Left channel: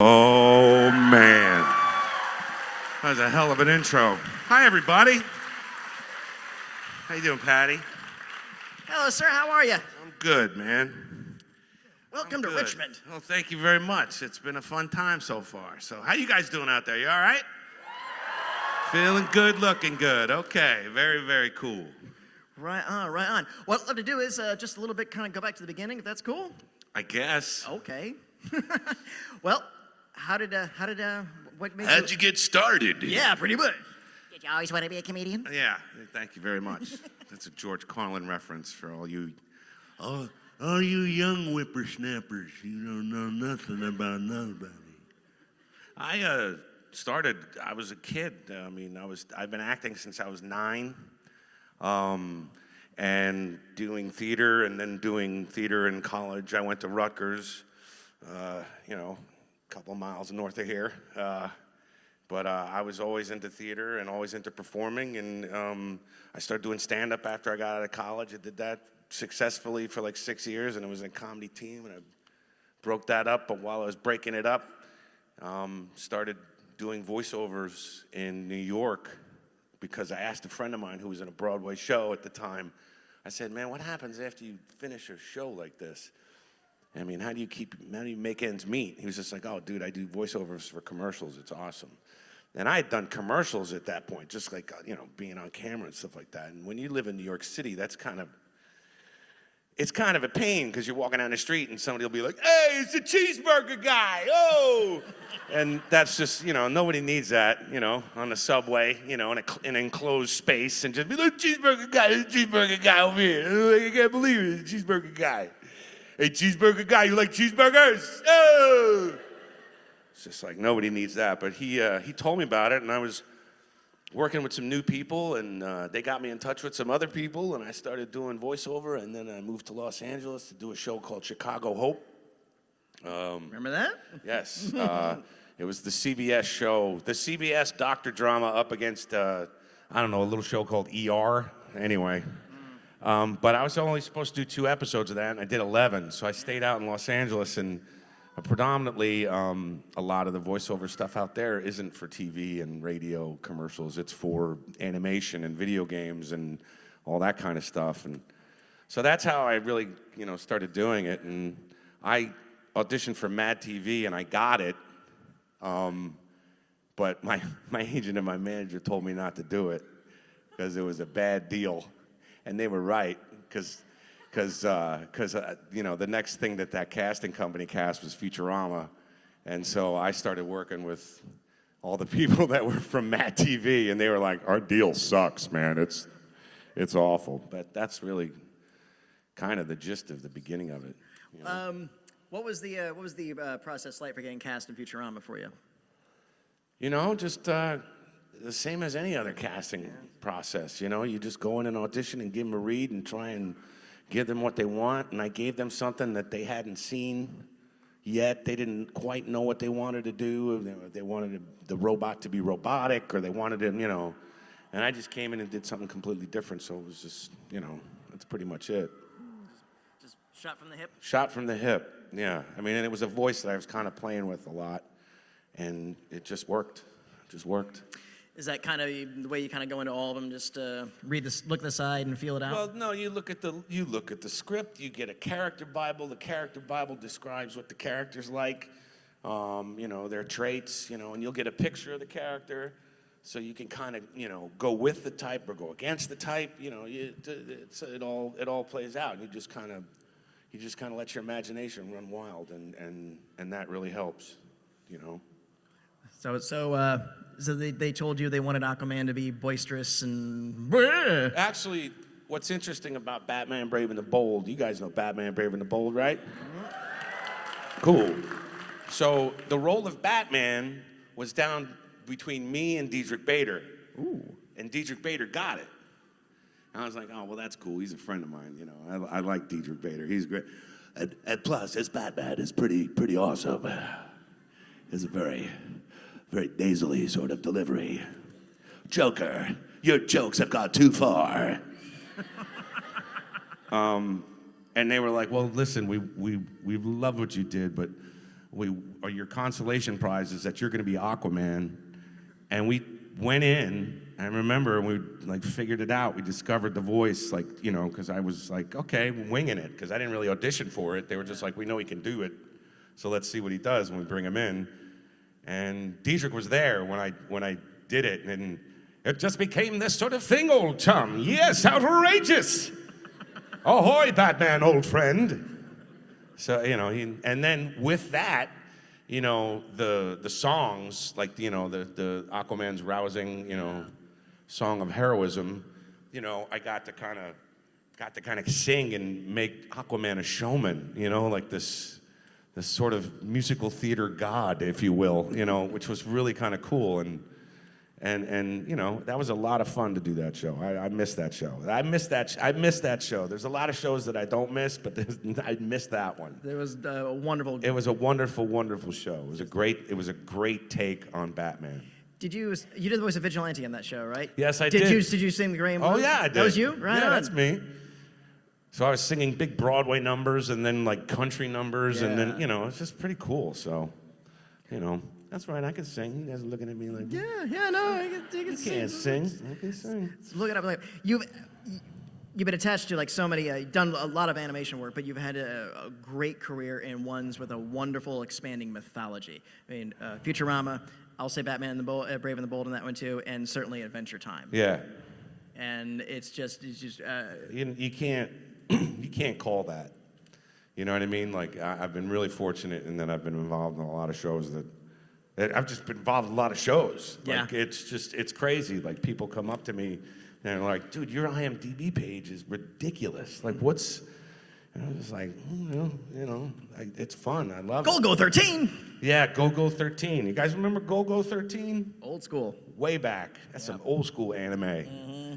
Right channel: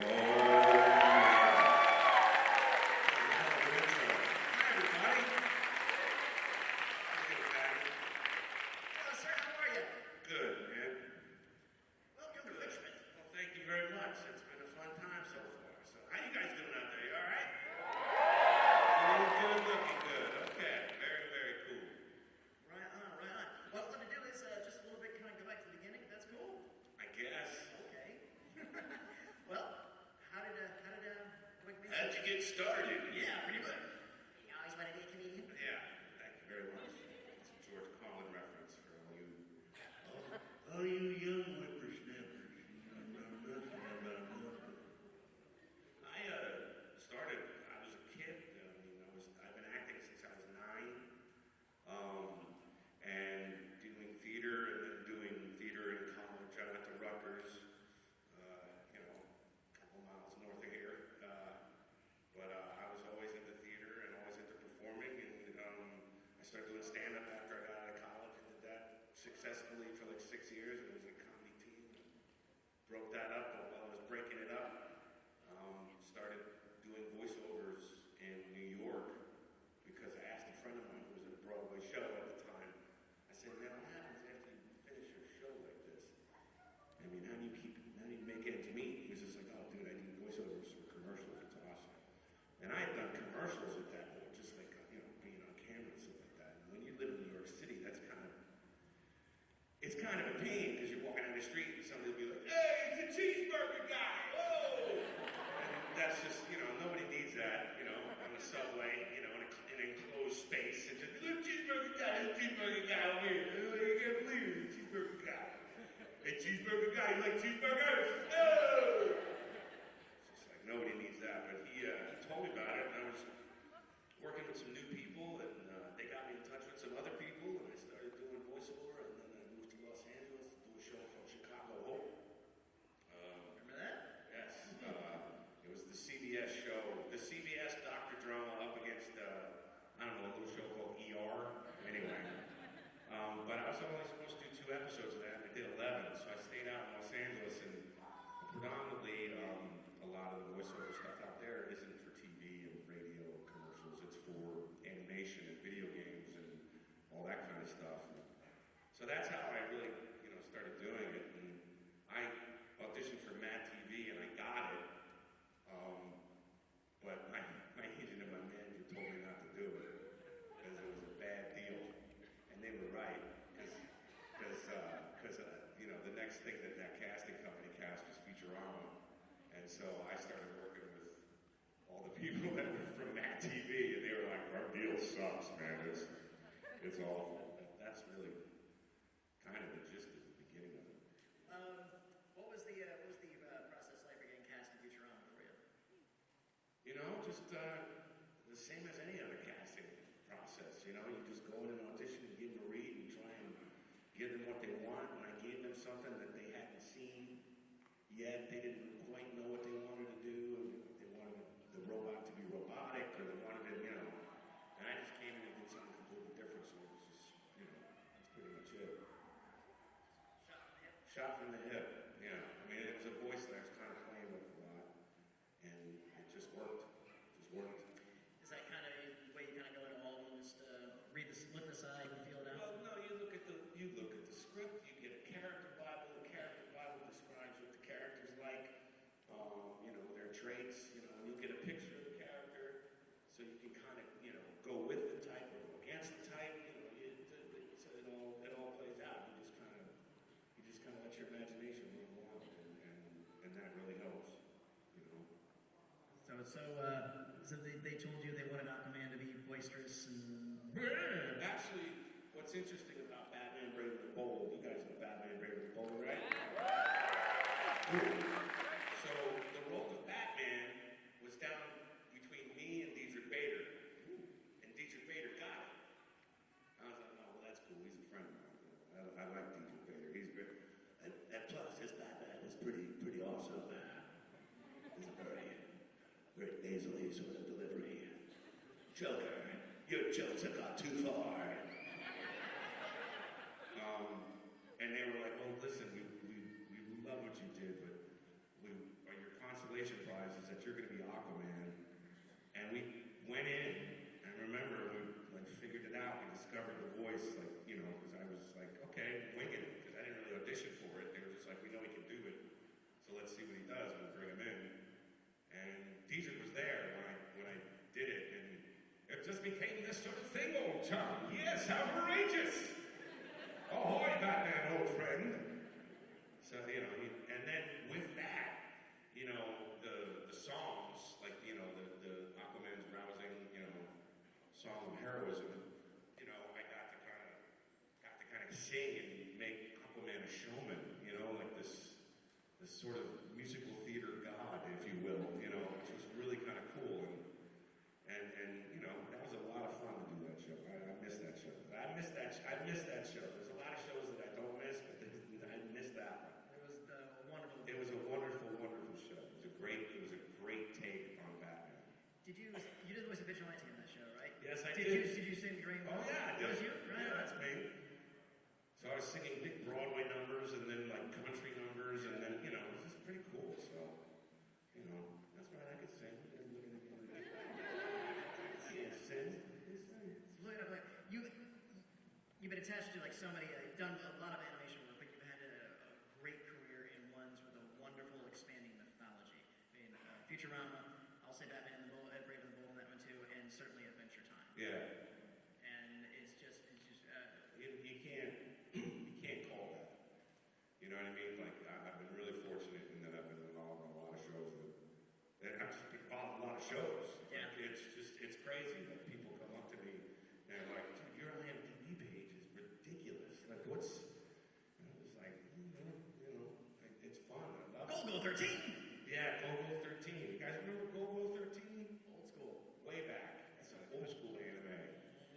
Oh, man. That was a hell of an intro. Hi, everybody. How you doing, Patty? Hello, sir. How are you? I'm good, man. Welcome to Richmond. Well, thank you very much. It's been a fun time so far. So how you guys doing out there? You all right? Feeling good, looking good. Okay, very, very cool. Right on, right on. What I'd love to do is just a little bit kind of go back to the beginning, if that's cool. I guess. Okay. Well, how'd you get started? Yeah, pretty good. Did you always want to be a comedian? Yeah, thank you very much. That's a George Carlin reference for all you. All you young whippersnappers, you don't know nothing about nobody. I was a kid. I've been acting since I was 9. And doing theater, and then doing theater in college. I went to Rutgers, a couple of miles north of here. But I was always into theater and always into performing, and I started doing stand-up after I got out of college. I did that successfully for like 6 years, and it was a comedy team, and I broke that up. But while I was breaking it up, started doing voiceovers in New York, because I asked a friend of mine who was in a Broadway show at the time. I said, man, what happens after you finish a show like this? I mean, how do you make ends meet? He was just like, oh, dude, I do voiceovers for commercials. It's awesome. And I had done commercials at that point, just like, being on camera and stuff like that. And when you live in New York City, it's kind of a pain, because you're walking down the street and somebody will be like, hey, it's the cheeseburger guy, oh! And that's just, nobody needs that, on the subway, in an enclosed space, and just be like, cheeseburger guy, there's a cheeseburger guy over here. I can't believe it, it's a cheeseburger guy. Hey, cheeseburger guy, you like cheeseburgers? Oh! It's just like, nobody needs that. But he told me about it, and I was working with some new people, and they got me in touch with some other people, and I started doing voiceover, and then I moved to Los Angeles to do a show called Chicago Hope. Remember that? Yes. It was the CBS show, the CBS doctor drama up against, a little show called ER. Anyway. But I was only supposed to do 2 episodes of that, and I did 11. So I stayed out in Los Angeles, and predominantly a lot of the voiceover stuff out there isn't for TV and radio commercials. It's for animation and video games and all that kind of stuff. And so that's how I really, started doing it. And I auditioned for Mad TV, and I got it. But my agent and my manager told me not to do it because it was a bad deal. And they were right, because the next thing that casting company cast was Futurama. And so I started working with all the people that were from Mad TV, and they were like, our deal sucks, man. It's awful. But that's really kind of the gist of the beginning of it. What was the process like for getting cast in Futurama for you? Just the same as any other casting process. You just go in and audition and give them a read and try and give them what they want. And I gave them something that they hadn't seen yet. They didn't quite know what they wanted to do. They wanted the robot to be robotic, or they wanted him, And I just came in and did something completely different. So it was just, that's pretty much it. Just shot from the hip? Shot from the hip, yeah. And it was a voice that I was kind of playing with a lot. And it just worked. Is that kind of the way you kind of go into all of them? Just look at the side and feel it out? Well, no. You look at the script. You get a character Bible. The character Bible describes what the character's like, their traits, and you'll get a picture of the character, so you can kind of, go with the type or go against the type. It all plays out. And you just kind of let your imagination run wild, and that really helps, So they told you they wanted Aquaman to be boisterous and... Actually, what's interesting about Batman Brave and the Bold, you guys know Batman Brave and the Bold, right? Cool. So the role of Batman was down between me and Diedrich Bader. Ooh. And Diedrich Bader got it. And I was like, oh, well, that's cool. He's a friend of mine, I like Diedrich Bader. He's great. And plus, his Batman is pretty awesome. It's a very nasally sort of delivery. Joker, your jokes have gone too far. And they were like, well, listen, we love what you did, but your consolation prize is that you're going to be Aquaman. And we went in. I remember we like figured it out. We discovered the voice, like, you know, because I was like, okay, winging it, because I didn't really audition for it. They were just like, we know he can do it, so let's see what he does when we bring him in. And Diedrich was there when I did it, and it just became this sort of thing, old chum. Yes, outrageous. Ahoy, Batman, old friend. So, you know, and then with that, you know, the songs, like, you know, the Aquaman's rousing, you know, song of heroism, you know, I got to kind of sing and make Aquaman a showman, you know, like this sort of musical theater god, if you will, you know, which was really kind of cool. And you know, that was a lot of fun to do that show. I miss that show. I miss that show. There's a lot of shows that I don't miss, but I miss that one. There was a wonderful. It was a wonderful, wonderful show. It was a great take on Batman. You did the voice of Vigilante in that show, right? Yes, I did. Did you sing the Graham Blues? Oh yeah, I did. That was you, right? Yeah, that's me. So I was singing big Broadway numbers and then like country numbers, and then, you know, it's just pretty cool. So, you know, that's right. I can sing. You guys are looking at me like, Yeah, no, I can sing. can't sing. I can sing. Look it up. Like you've been attached to like so many. You've done a lot of animation work, but you've had a great career in ones with a wonderful expanding mythology. I mean, Futurama. I'll say Batman and the Brave and the Bold in that one too, and certainly Adventure Time. Yeah. And it's just. You can't call that. You know what I mean? Like I've been really fortunate in that I've been involved in a lot of shows that I've just been involved in a lot of shows. Yeah. Like it's crazy. Like people come up to me and they're like, dude, your IMDb page is ridiculous. Like what's, and I'm just like, it's fun. I love it. Go 13. Yeah, Go 13. You guys remember Go 13? Old school. Way back. That's some old school anime. Mm-hmm.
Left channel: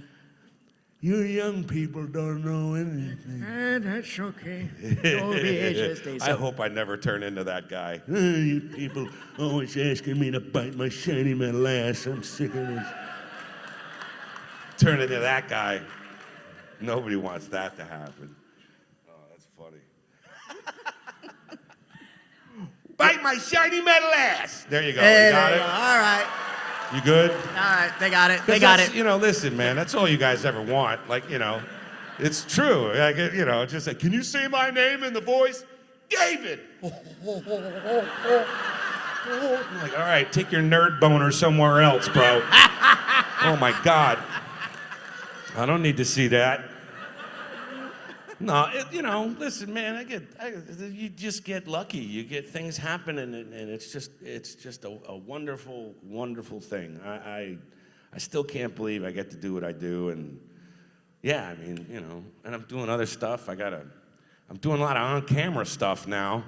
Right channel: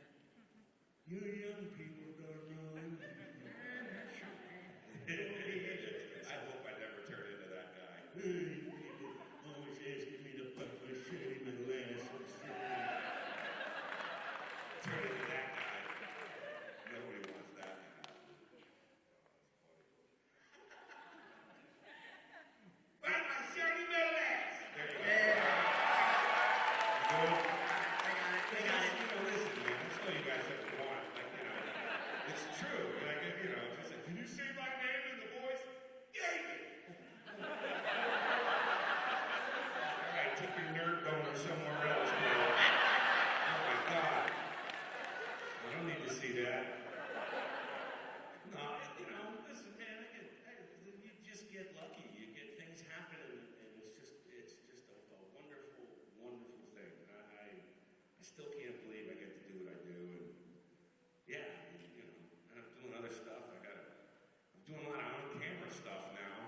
You young people don't know anything. That's okay. Don't be ageist, I hope I never turn into that guy. You people always asking me to bite my shiny metal ass. I'm sick of this. Turn into that guy. Nobody wants that to happen. Oh, that's funny. Bite my shiny metal ass. There you go. Hey, You got it? all right. You good? All right, they got it. 'Cause They got that's- it. You know, listen, man, that's all you guys ever want. Like, you know, it's true. Like, you know, just like, can you say my name in the voice? David! I'm like, all right, take your nerd boner somewhere else, bro. Oh, my God. I don't need to see that. No, you know, listen, man, you just get lucky. You get things happening, and it's just a wonderful, wonderful thing. I still can't believe I get to do what I do, and yeah, I mean, you know, and I'm doing other stuff. I'm doing a lot of on-camera stuff now,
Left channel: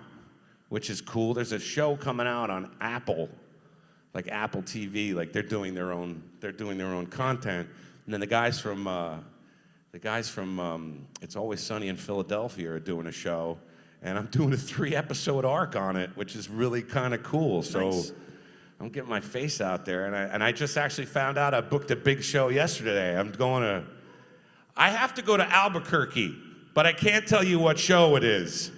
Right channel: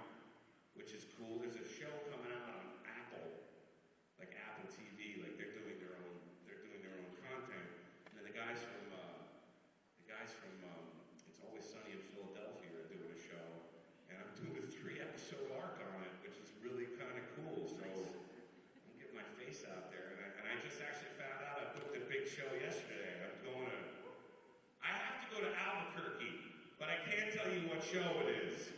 which is cool. There's a show coming out on Apple, like Apple TV, like they're doing their own content, and then the guys from It's Always Sunny in Philadelphia are doing a show, and I'm doing a 3-episode arc on it, which is really kind of cool. So Nice. I'm getting my face out there, and I just actually found out I booked a big show yesterday. I have to go to Albuquerque, but I can't tell you what show it is.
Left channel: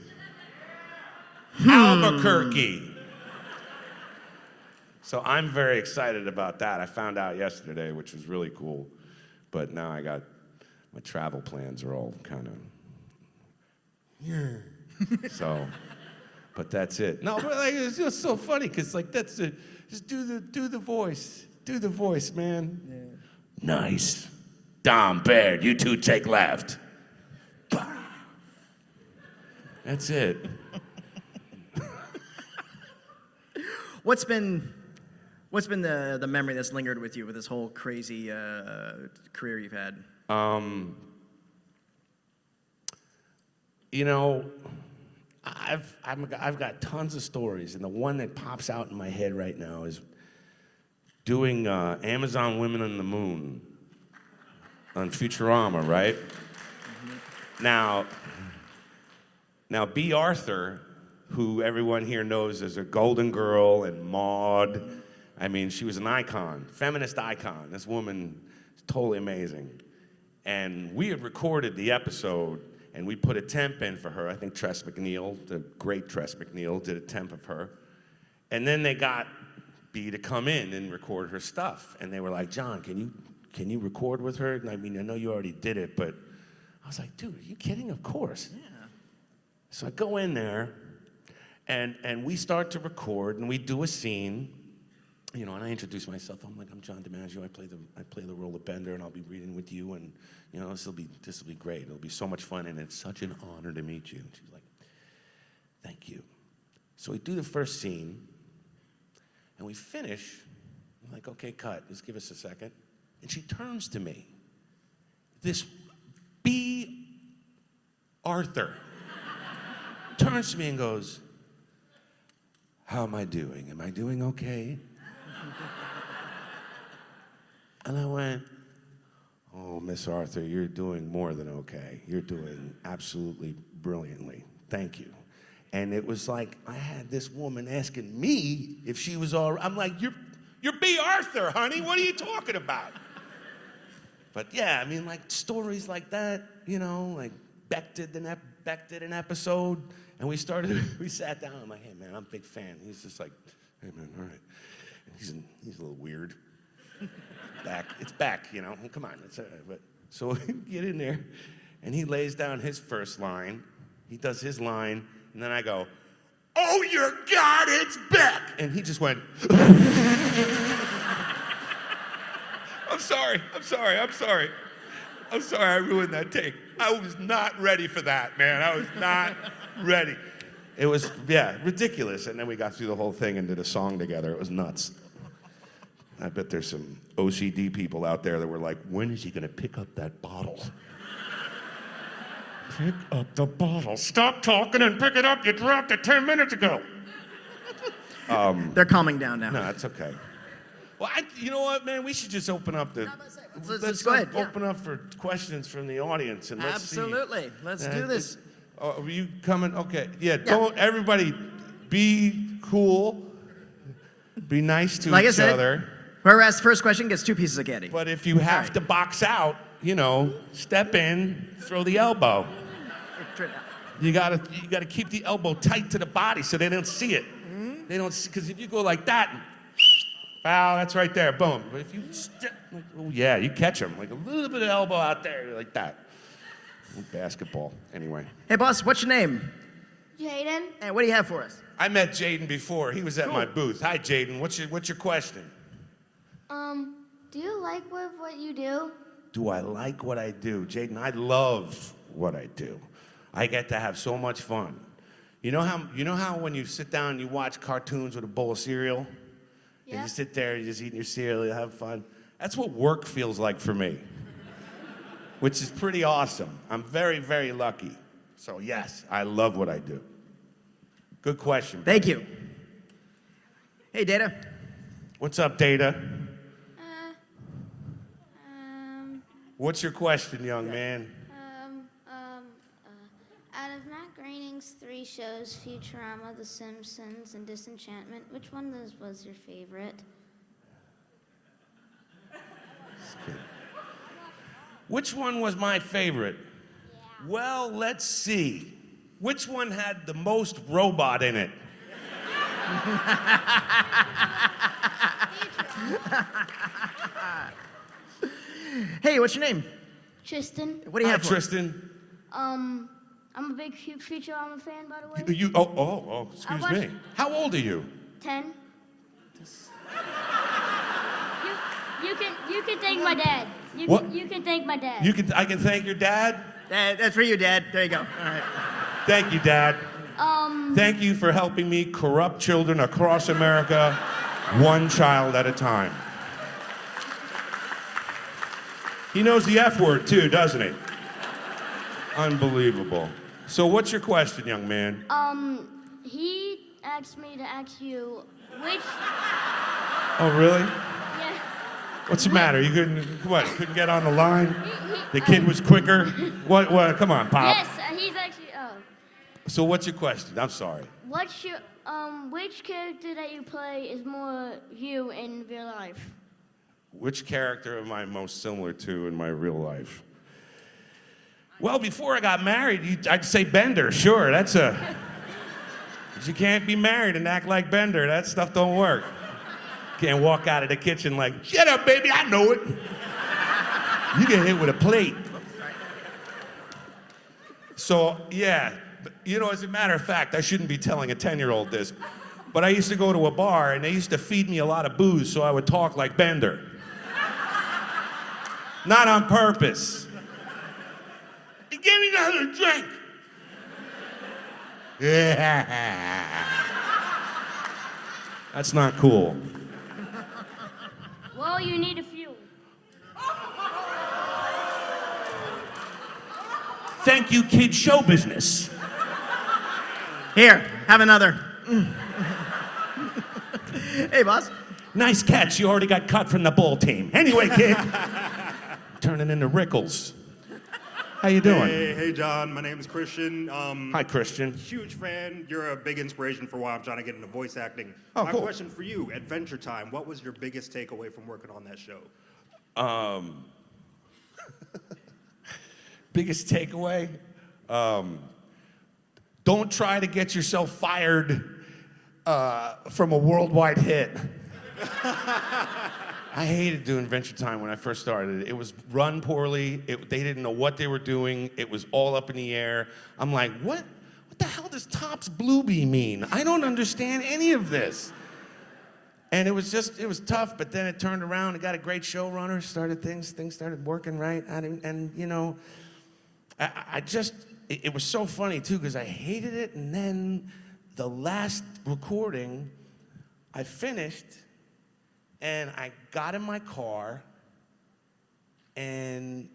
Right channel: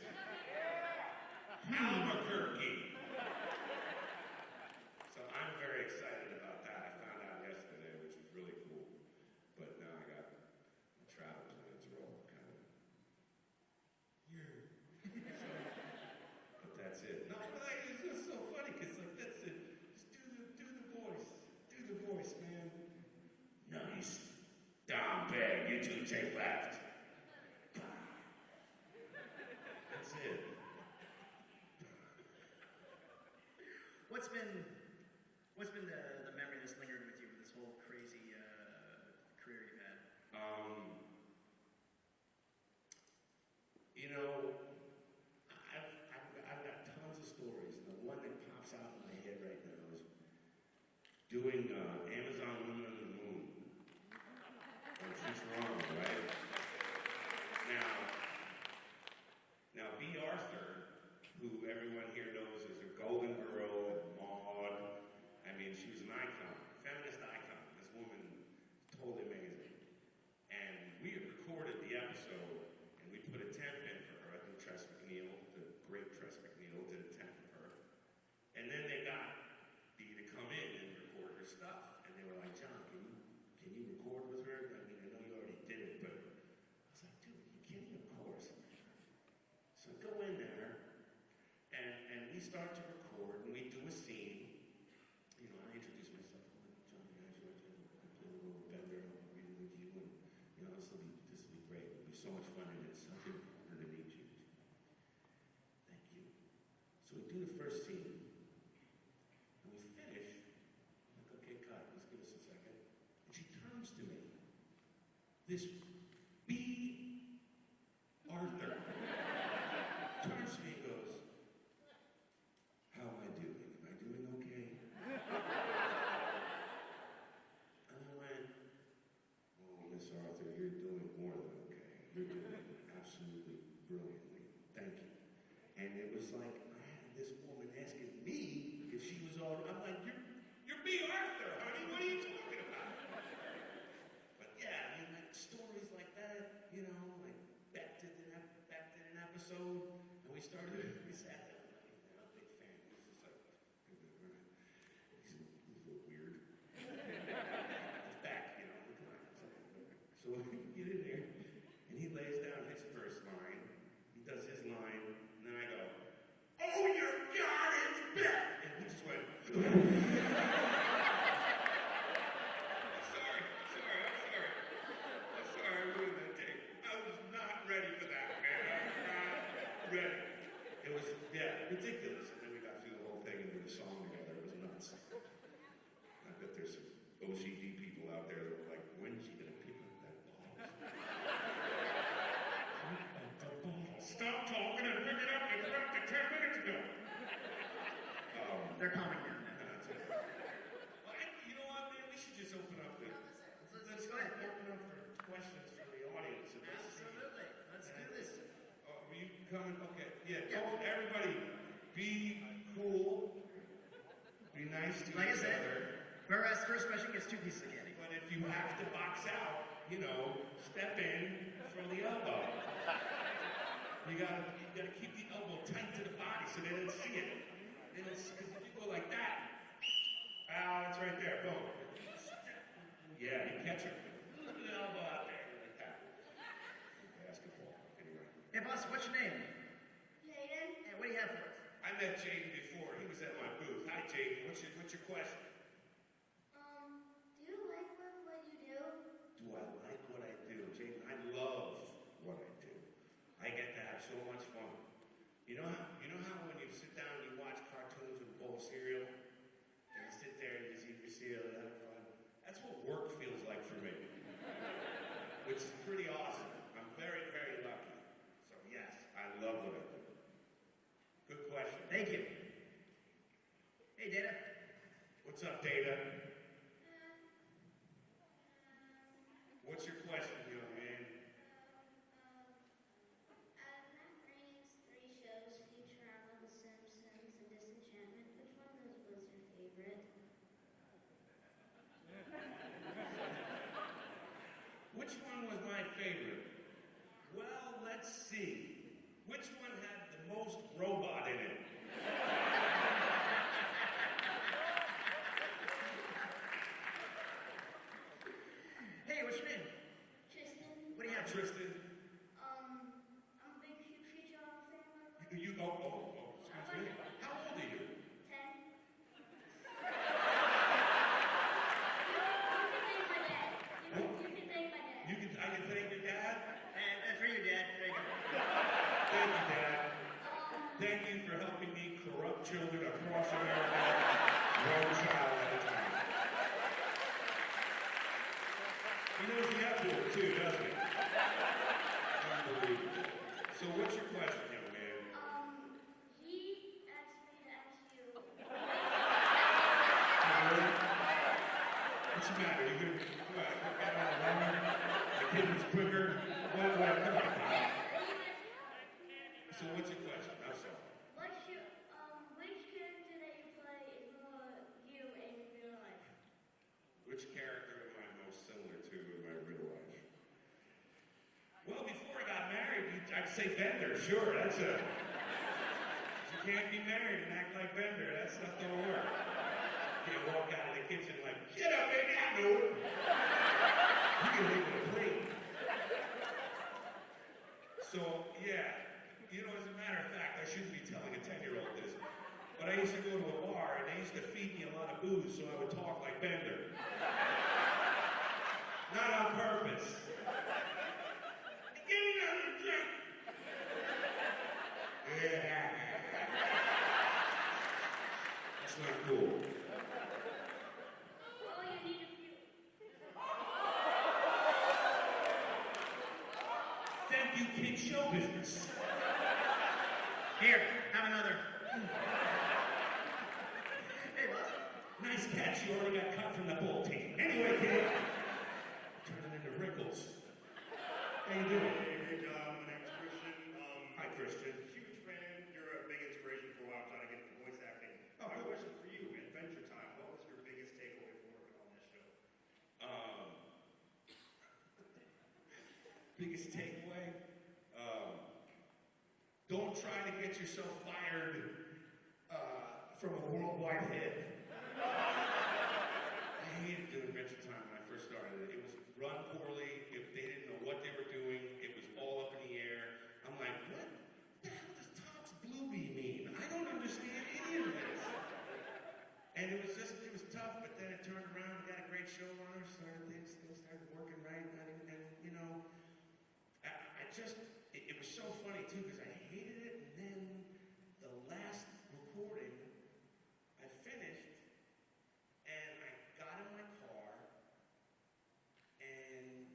Albuquerque. So I'm very excited about that. I found out yesterday, which was really cool, but now my travel plans are all kind of, so, but that's it. No, but like, it's just so funny, because like, that's it. Just do the voice, man. Yeah. Nice. Dom, Baird, you two take left. That's it. What's been the memory that's lingered with you with this whole crazy career you've had? You know, I've got tons of stories, and the one that pops out in my head right now is doing Amazon Women on the Moon on Futurama, right? Mm-hmm. Now, B. Arthur, who everyone here knows as a Golden Girl and Maude, I mean, she was an icon, feminist icon. This woman is totally amazing. And we had recorded the episode, And we put a temp in for her. I think Tress McNeil, the great Tress McNeil, did a temp of her. And then they got B to come in and record her stuff. And they were like, John, can you record with her? And I mean, I know you already did it, but I was like, dude, are you kidding? Of course. Yeah. So I go in there, and we start to record, and we do a scene, you know, and I introduce myself. I'm like, I'm John Dimaggio. I play the role of Bender, and I'll be reading with you, and you know, this will be great. It'll be so much fun, and it's such an honor to meet you. And she's like, thank you. So we do the first scene, and we finish. I'm like, okay, cut. Just give us a second. And she turns to me. This B. Arthur turns to me and goes, how am I doing? Am I doing okay? And I went, oh, Miss Arthur, you're doing more than okay. You're doing absolutely brilliantly. Thank you. And it was like I had this woman asking me if she was all right. I'm like, you're B. Arthur, honey. What are you talking about? But yeah, I mean, like stories like that, you know, like Beck did an episode, and we sat down. I'm like, hey, man, I'm a big fan. He's just like, hey, man, all right. He's a little weird. It's Beck, you know. Come on, it's all right. But so we get in there, and he lays down his first line. He does his line, and then I go, oh, your God, it's Beck! And he just went, I'm sorry, I ruined that take. I was not ready for that, man. I was not ready. It was, yeah, ridiculous. And then we got through the whole thing and did a song together. It was nuts. I bet there's some OCD people out there that were like, when is he gonna pick up that bottle? Pick up the bottle. Stop talking and pick it up. You dropped it 10 minutes ago. They're calming down now. No, it's okay. Well, you know what, man? We should just open up the... Let's go ahead. Open up for questions from the audience, and let's see. Absolutely. Let's do this. Are you coming? Okay. Yeah, don't everybody be cool. Be nice to each other. Whoever asks the first question gets 2 pieces of candy. But if you have to box out, you know, step in, throw the elbow. You gotta keep the elbow tight to the body so they don't see it. They don't, because if you go like that, foul, that's right there, boom. But if you step, oh yeah, you catch them, like a little bit of elbow out there, like that. Basketball, anyway. Hey, boss, what's your name? Jaden. And what do you have for us? I met Jaden before. He was at my booth. Hi, Jaden. What's your question? Do you like what you do? Do I like what I do? Jaden, I love what I do. I get to have so much fun. You know how when you sit down and you watch cartoons with a bowl of cereal? Yeah. And you sit there and you're just eating your cereal, you have fun? That's what work feels like for me. Which is pretty awesome. I'm very, very lucky. So yes, I love what I do. Good question. Thank you. Hey, Data. What's up, Data? What's your question, young man? Out of Matt Groening's 3 shows, Futurama, The Simpsons, and Disenchantment, which one was your favorite? Which one was my favorite? Yeah. Well, let's see. Which one had the most robot in it? Hey, what's your name? Tristan. What do you have for us? Tristan. I'm a big Futurama fan, by the way. Excuse me. How old are you? 10. You can thank my dad. You can thank my dad. I can thank your dad? That's for you, Dad. There you go. All right. Thank you, Dad. Thank you for helping me corrupt children across America, one child at a time. He knows the F word too, doesn't he? Unbelievable. So what's your question, young man? He asked me to ask you which... Oh, really? Yeah. What's the matter? You couldn't get on the line? The kid was quicker? What, come on, Pop. Yes, he's actually... So what's your question? I'm sorry. What's your... which character that you play is more you in real life? Which character am I most similar to in my real life? Well, before I got married, I'd say Bender. Sure, that's a. But you can't be married and act like Bender. That stuff don't work. Can't walk out of the kitchen like, shut up, baby, I know it. You get hit with a plate. So, yeah, you know, as a matter of fact, I shouldn't be telling a 10-year-old this, but I used to go to a bar and they used to feed me a lot of booze so I would talk like Bender. Not on purpose. Give me another drink. That's not cool. Well, you need a few. Thank you, kid show business. Here, have another. Hey, boss. Nice catch. You already got cut from the ball team. Anyway, kid. Turning into Rickles. How you doing? Hey, John. My name is Christian. Hi, Christian. Huge fan. You're a big inspiration for why I'm trying to get into voice acting. Oh, My cool. question for you, Adventure Time, what was your biggest takeaway from working on that show? Biggest takeaway? Don't try to get yourself fired from a worldwide hit. I hated doing Adventure Time when I first started. It was run poorly. They didn't know what they were doing. It was all up in the air. I'm like, what the hell does Tops Bluebee mean? I don't understand any of this. And it was tough, but then it turned around. It got a great showrunner, things started working right. And you know, it was so funny too, because I hated it, and then the last recording, I finished, and I got in my car, and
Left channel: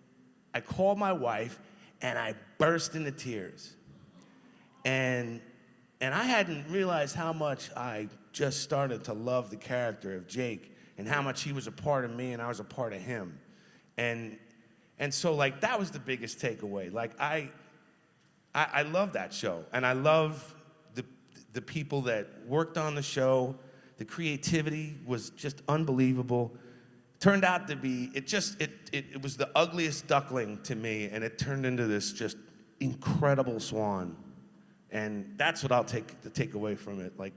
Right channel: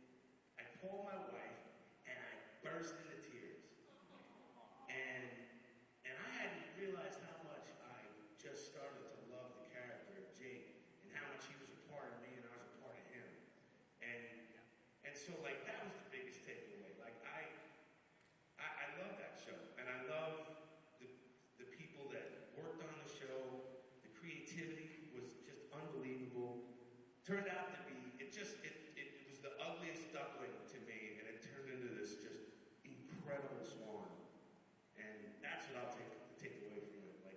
I called my wife, and I burst into tears. And I hadn't realized how much I just started to love the character of Jake, and how much he was a part of me and I was a part of him. And so, like, that was the biggest takeaway. Like, I love that show, and I love the people that worked on the show. The creativity was just unbelievable. Turned out to be, it was the ugliest duckling to me, and it turned into this just incredible swan. And that's what I'll take away from it. Like,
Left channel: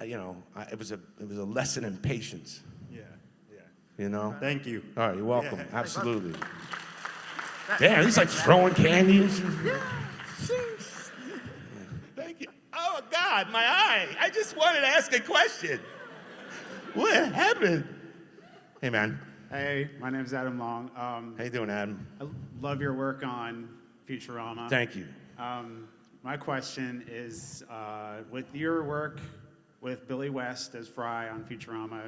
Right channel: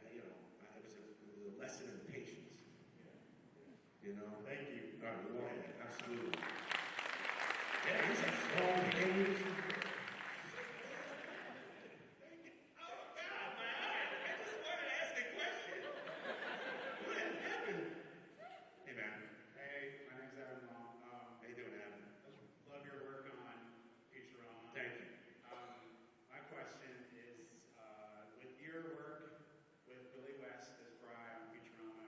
it was a lesson in patience. Yeah. You know? Thank you. All right, you're welcome. Yeah. Absolutely. Yeah, he's like throwing candies. Thank you. Oh, God, my eye. I just wanted to ask a question. What happened? Hey, man. Hey, my name's Adam Long. How you doing, Adam? I love your work on Futurama. Thank you. My question is, with your work with Billy West as Fry on Futurama,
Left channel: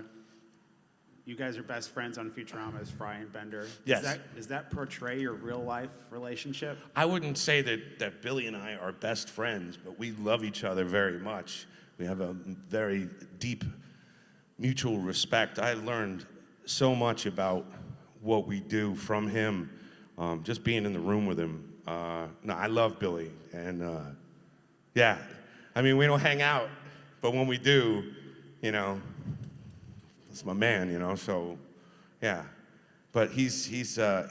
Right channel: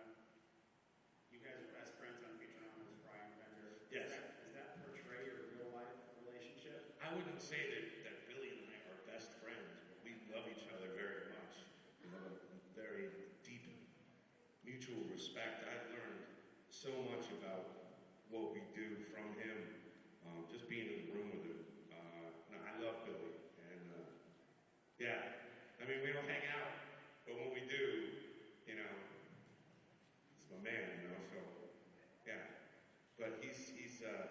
you guys are best friends on Futurama as Fry and Bender. Yes. Does that portray your real-life relationship? I wouldn't say that Billy and I are best friends, but we love each other very much. We have a very deep mutual respect. I learned so much about what we do from him, just being in the room with him. No, I love Billy, and yeah, I mean, we don't hang out, but when we do, you know, it's my man, you know. So, yeah, but he's a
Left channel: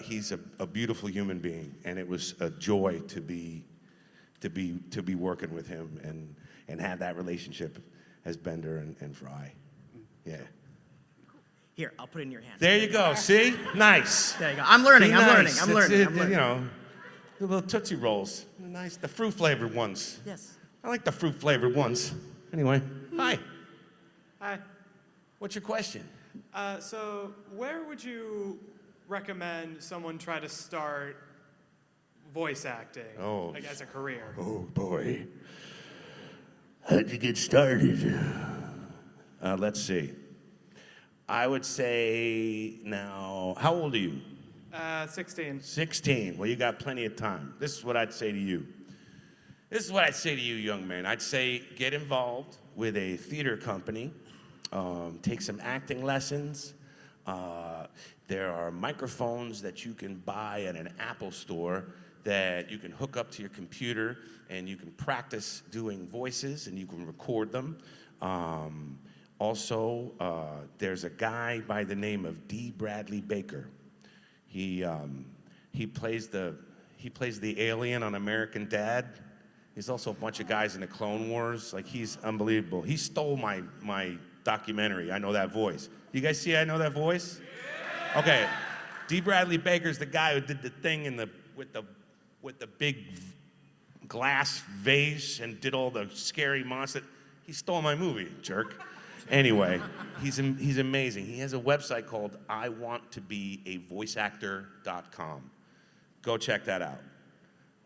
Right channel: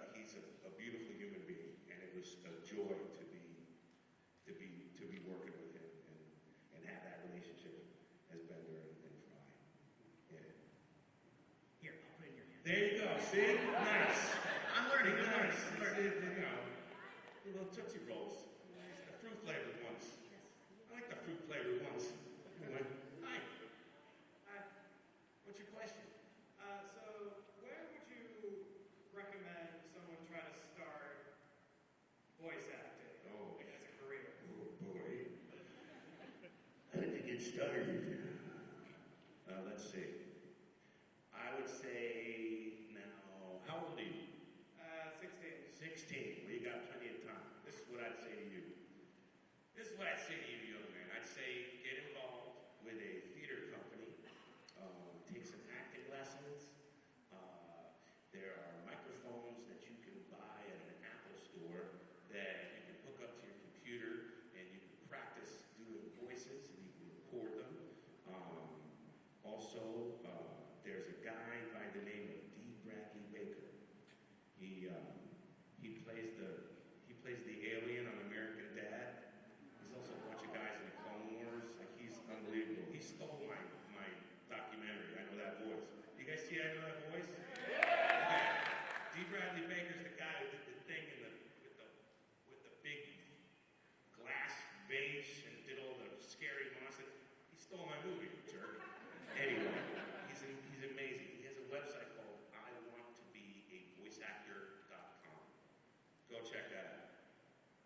beautiful human being, and it was a joy to be working with him and have that relationship as Bender and Fry. Yeah. Here, I'll put it in your hand. There you go. See? Nice. There you go. I'm learning. Be I'm learning. nice. I'm It's- learning. it- I'm learning. You know, the little Tootsie Rolls. Nice. The fruit flavored ones. Yes. I like the fruit flavored ones. Anyway, hi. Hi. What's your question? So where would you recommend someone try to start voice acting, like as a career? Oh, boy. How'd you get started? Let's see. I would say now, how old are you? 16. 16. Well, you got plenty of time. This is what I'd say to you. This is what I'd say to you, young man. I'd say get involved with a theater company. Take some acting lessons. There are microphones that you can buy at an Apple store that you can hook up to your computer, and you can practice doing voices, and you can record them. Also, there's a guy by the name of D. Bradley Baker. He he plays the alien on American Dad. He's also a bunch of guys in the Clone Wars. Like, he's unbelievable. He stole my documentary, I Know That Voice. You guys see I Know That Voice? Okay, D. Bradley Baker's the guy who did the thing with the big glass vase and did all the scary monster. He stole my movie, jerk. Anyway, he's amazing. He has a website called iwanttobeavoiceactor.com. Go check that out.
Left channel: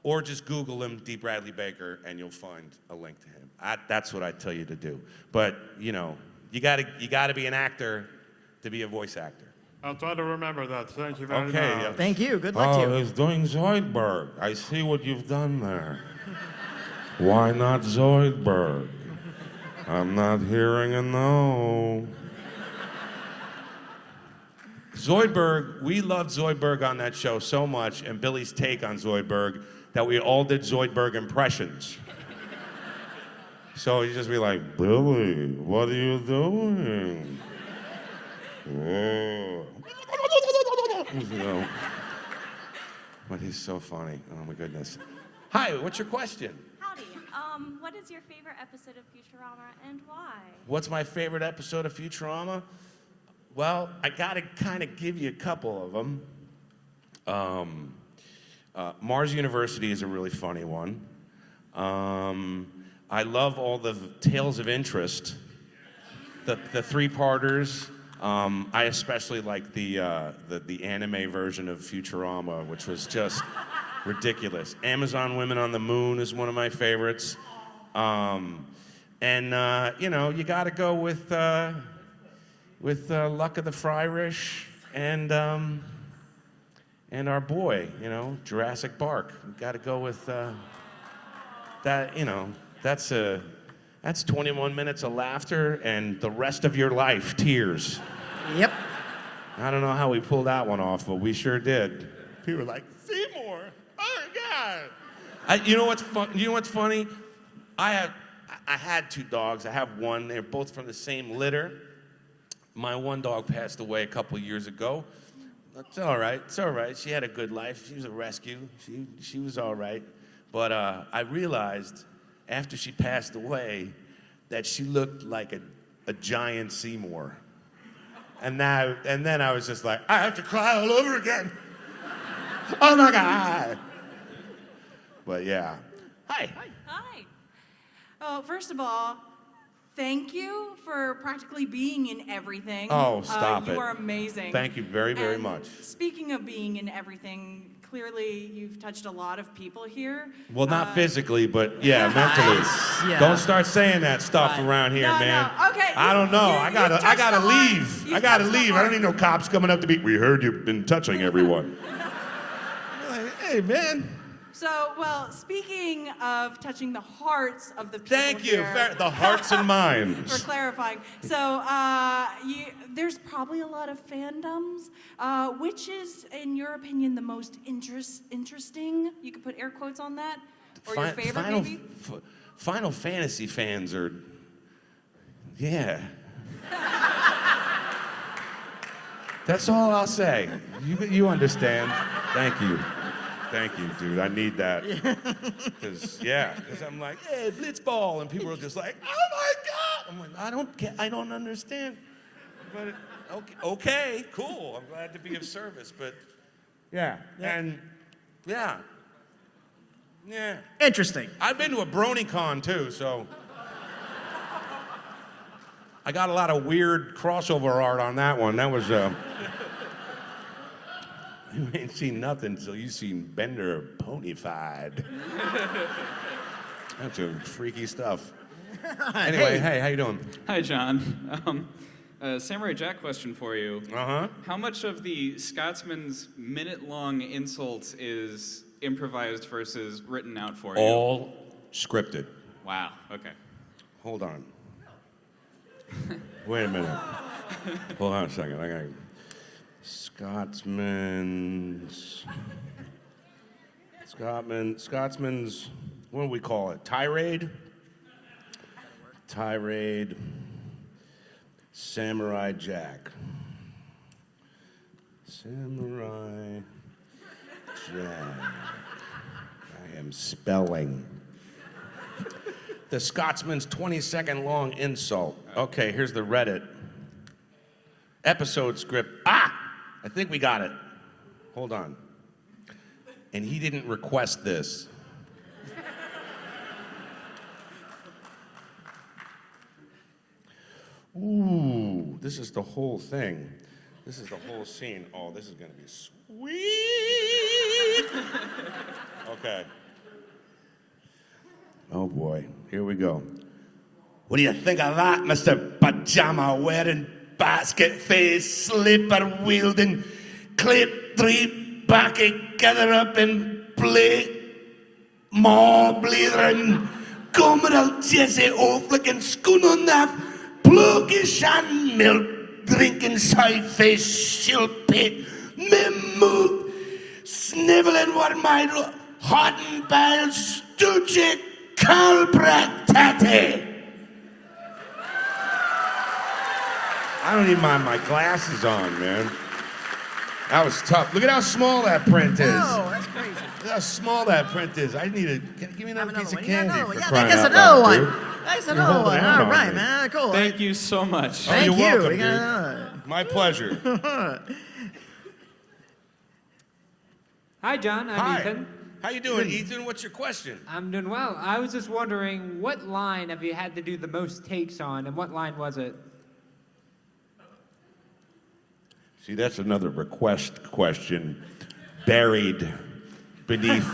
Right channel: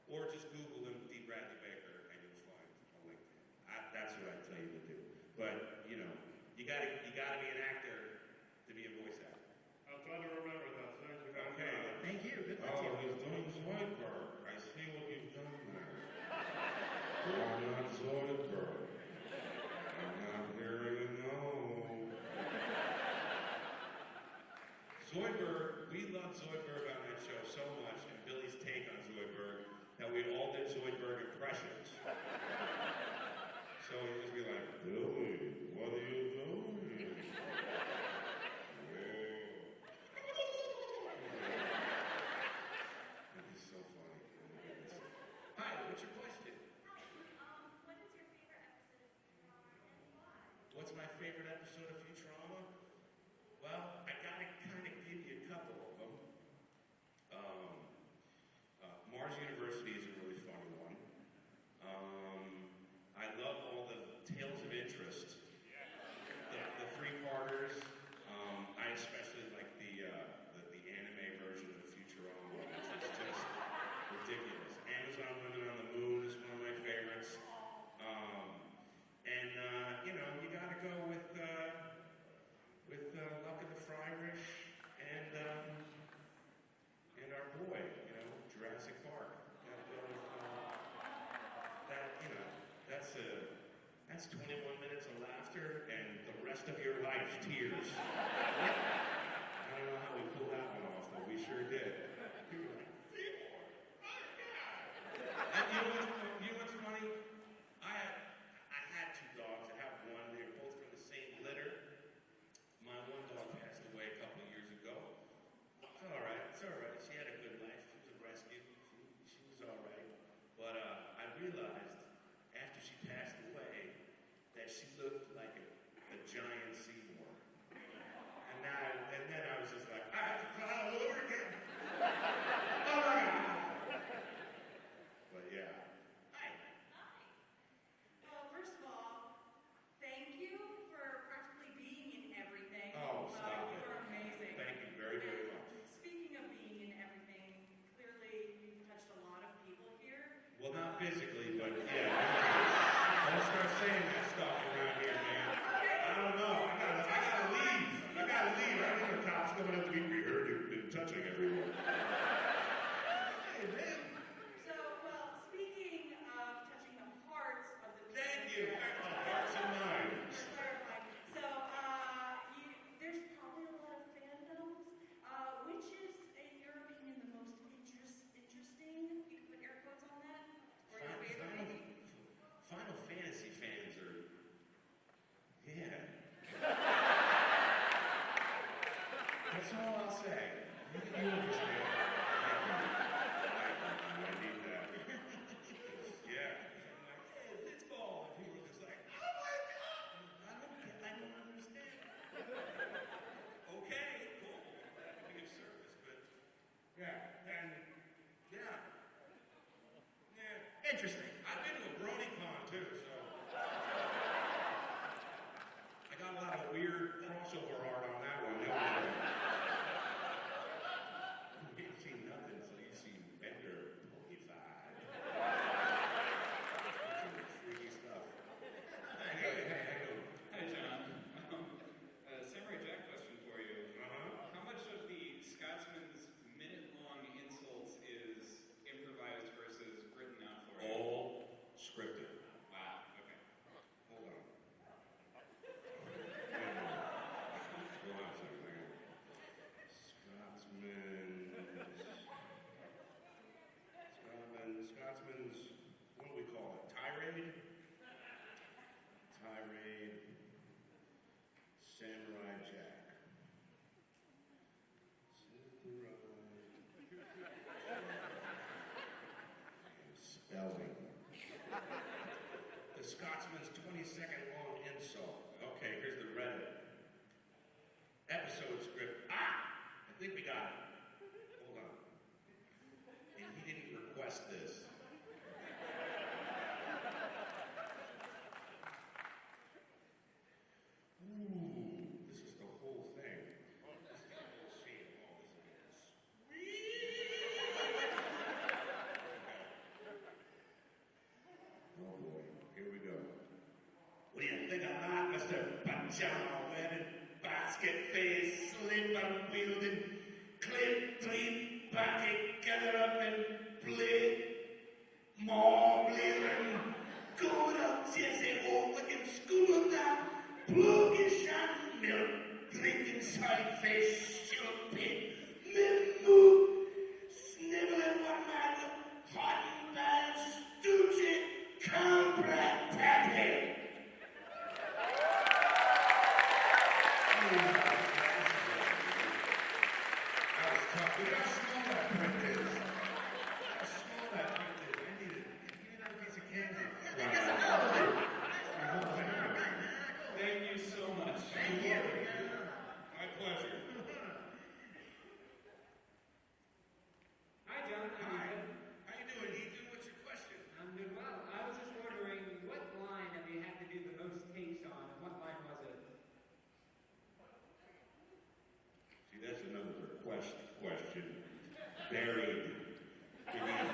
Or just Google him, D. Bradley Baker, and you'll find a link to him. That's what I tell you to do. But, you know, you gotta be an actor to be a voice actor. I'll try to remember that. Thank you very much. Okay. Thank you. Good luck to you. he's doing Zoidberg. I see what you've done there. Why not Zoidberg? I'm not hearing a no. Zoidberg, we loved Zoidberg on that show so much, and Billy's take on Zoidberg, that we all did Zoidberg impressions. So he'd just be like, Billy, what are you doing? Oh. you know. But he's so funny. Oh my goodness. Hi, what's your question? Howdy. What is your favorite episode of Futurama and why? What's my favorite episode of Futurama? Well, I gotta kind of give you a couple of them. Mars University is a really funny one. I love all the Tales of Interest, the three-parters. I especially like the anime version of Futurama, which was just ridiculous. Amazon Women on the Moon is one of my favorites. You know, you got to go with Luck of the Fryrish and our boy, you know, Jurassic Park. We got to go with that. You know, that's 21 minutes of laughter and the rest of your life tears. Yep. I don't know how we pulled that one off, but we sure did. People were like, Seymour, oh God. You know what's funny? I had two dogs. I have one. They're both from the same litter. My one dog passed away a couple years ago. It's all right. It's all right. She had a good life. She was a rescue. She was all right. But I realized after she passed away that she looked like a giant Seymour. And then I was just like, I have to cry all over again. Oh my God. But yeah. Hi. Hi. Oh, first of all, thank you for practically being in everything. Oh, stop it. You are amazing. Thank you very, very And much. Speaking of being in everything, clearly you've touched a lot of people here. Well, not physically, but yeah, mentally. Yeah. Don't start saying that stuff around here, No, man. no. Okay, I don't know. you've I gotta touched the heart. leave. You've I gotta touched the leave. I heart. don't need no cops coming up to me. We heard you've been touching everyone. Like, hey, man. So, well, speaking of touching the hearts of the people Thank you. here, The hearts and for minds. clarifying. So, there's probably a lot of fandoms. Which is, in your opinion, the most interesting? You could put air quotes on that. Or your favorite, maybe? Final Fantasy fans are, yeah. That's all I'll say. You understand. Thank you. Thank you, dude. I need that. Because I'm like, hey, Blitzball. And people are just like, oh my God. I'm like, I don't understand. But okay, cool. I'm glad to be of service. But yeah. Interesting. I've been to a BronyCon too, so I got a lot of weird crossover art on that one. That was you ain't seen nothing till you seen Bender ponyfied. That's some freaky stuff. Anyway, hey, how you doing? Hi, John. Samurai Jack question for you. Uh-huh. How much of the Scotsman's minute-long insults is improvised versus written out for you? All scripted. Wow, okay. Hold on. Wait a minute. Hold on a second. I got Scotsman's, what do we call it? Tirade? Samurai Jack. Samurai Jack. I'm spelling. The Scotsman's 20-second long insult. Okay, here's the Reddit. Episode script. I think we got it. Hold on. And he didn't request this. Ooh, this is the whole thing. This is the whole scene. Oh, this is gonna be sweet. Okay. Oh boy, here we go. What do you think of that, Mr. Pajama wearing, basket face, slipper wielding, clip three back together up in play, more blithering, gummeral Jesse O'Flickin' schoon on that, plugish and milk drinking side face shilpit, me mood, sniveling what my hot and bile stoogie calbrattate. I don't even mind my glasses on, man. That was tough. Look at how small that print is. Oh, that's crazy. Look how small that print is. I need give me another piece of candy for Yeah, crying that's out another loud, one. dude. That's You're another holding one. out All on right, me. man. Cool. Thank you so much. Oh, Thank you're you. welcome, We dude. got My pleasure. Hi, John. I'm Hi. Ethan. How you doing, Ethan? What's your question? I'm doing well. I was just wondering, what line have you had to do the most takes on, and what line was it? See, that's another request question buried beneath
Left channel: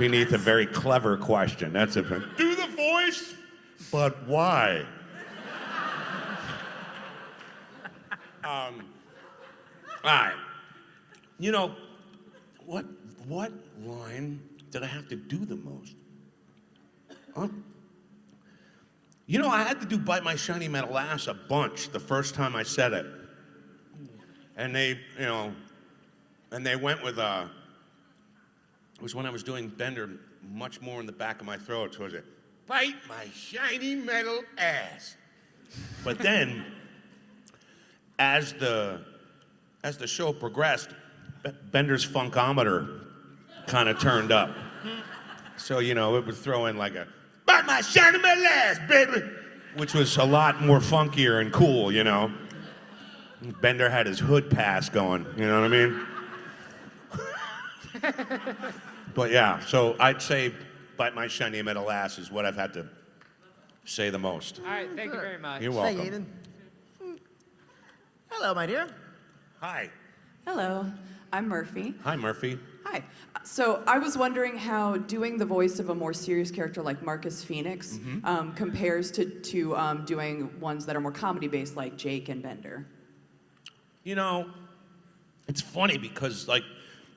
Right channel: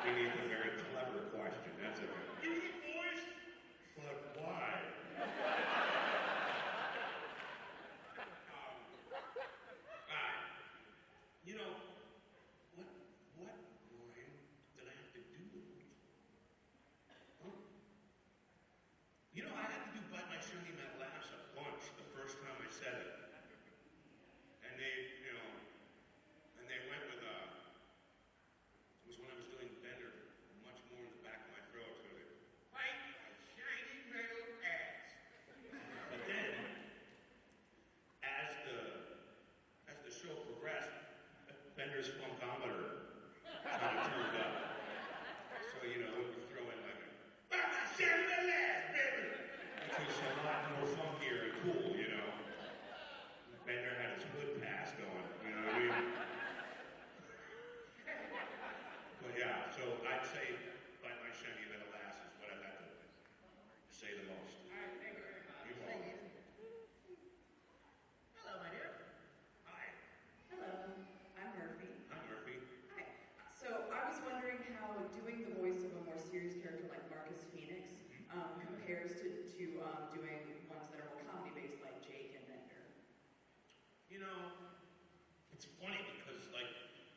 a very clever question. That's a do the voice, but why? All right. You know, what line did I have to do the most? You know, I had to do Bite My Shiny Metal Ass a bunch the first time I said it. And they, and they went with, it was when I was doing Bender much more in the back of my throat. So it was Bite My Shiny Metal Ass. But then, as the show progressed, Bender's funkometer kind of turned up. So, it would throw in like a, Bite My Shiny Metal Ass, baby! Which was a lot more funkier and cool, Bender had his hood pass going, you know what I mean? But yeah, so I'd say Bite My Shiny Metal Ass is what I've had to say the most. All right, thank you very much. You're welcome. Thank you, Ethan. Hello, my dear. Hi. Hello, I'm Murphy. Hi, Murphy. Hi. So I was wondering how doing the voice of a more serious character like Marcus Phoenix compares to doing ones that are more comedy-based like Jake and Bender. It's funny because, like,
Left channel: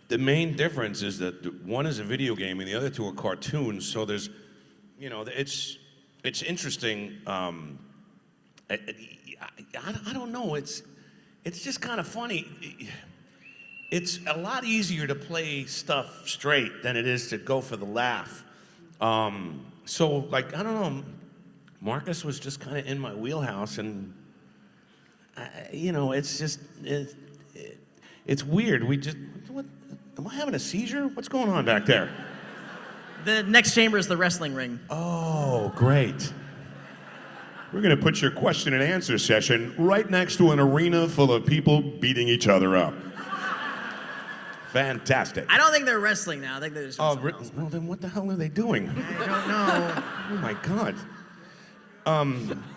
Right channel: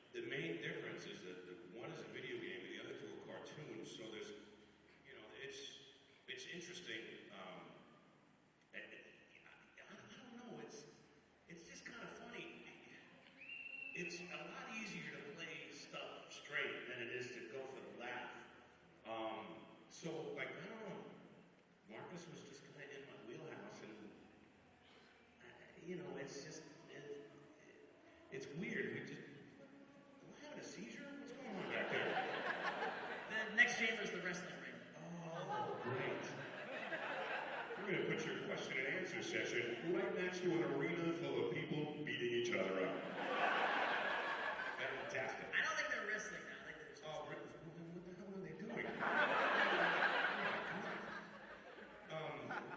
the main difference is that one is a video game and the other two are cartoons, so there's, it's interesting. I don't know, it's just kind of funny. It's a lot easier to play stuff straight than it is to go for the laugh. So, like, I don't know, Marcus was just kind of in my wheelhouse, and it's just, it's weird. What, am I having a seizure? What's going on back there? The next chamber is the wrestling ring. Oh, great. We're going to put your question and answer session right next to an arena full of people beating each other up. Fantastic. I don't think they're wrestling now. I think they're just. Well, then what the hell are they doing? I don't know. Oh my God.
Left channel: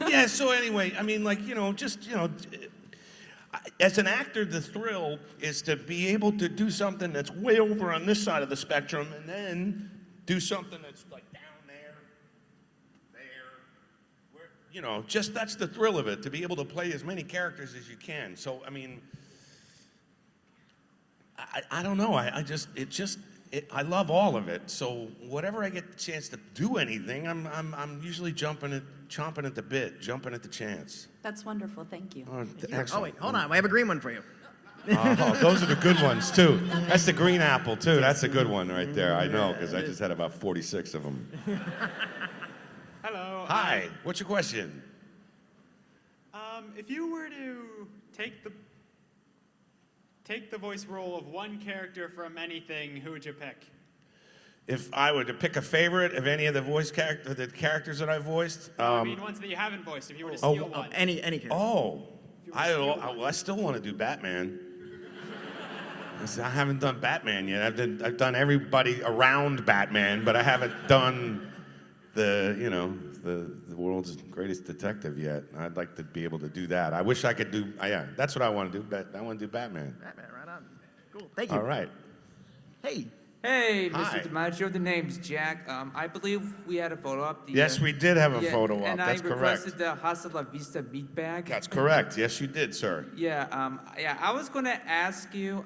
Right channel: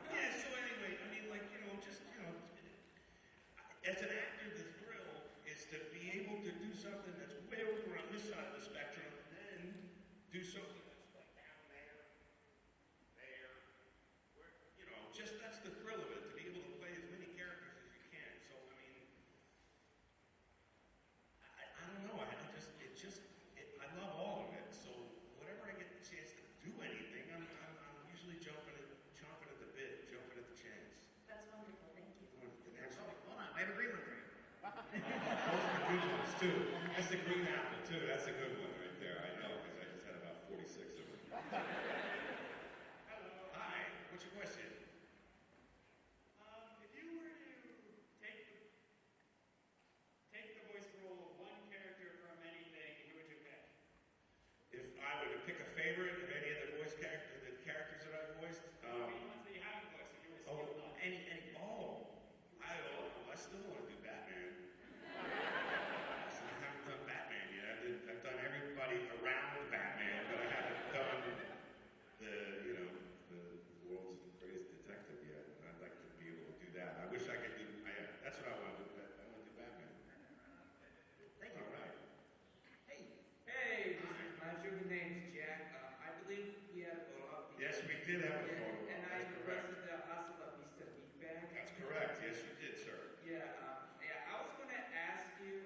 Yeah, so anyway, I mean, like, as an actor, the thrill is to be able to do something that's way over on this side of the spectrum and then do something that's like down there, just that's the thrill of it, to be able to play as many characters as you can. So, I mean, I don't know. I love all of it. So whatever I get the chance to do anything, I'm usually chomping at the bit, jumping at the chance. That's wonderful, thank you. Excellent. Oh, wait, hold on. We have a green one for you. Oh, those are the good ones, too. That's the green apple, too. That's a good one right there. I know, because I just had about 46 of them. Hello. Hi. What's your question? If you were to take the voice role of one character from anything, who would you pick? If I were to pick a favorite of any of the the characters that I voiced, I mean, ones that you haven't voiced. If you were to steal one. Any character. oh, I still want to do Batman. I haven't done Batman yet. I've done everybody around Batman, but I haven't done the world's greatest detective yet. I'd like to be able to do that. I wish I could do. Yeah, that's what I want to do. I want to do Batman. Batman, right on. Cool. Thank you. All right. Hey. Hey, Hi. Mr. Dimaggio, the name's Jack. I believe we had a photo up. Yes, we did have a photo up. And That's I correct. requested the Hasta La Vista meat bag. That's correct. Yes, you did, sir. Yeah, I was going to ask you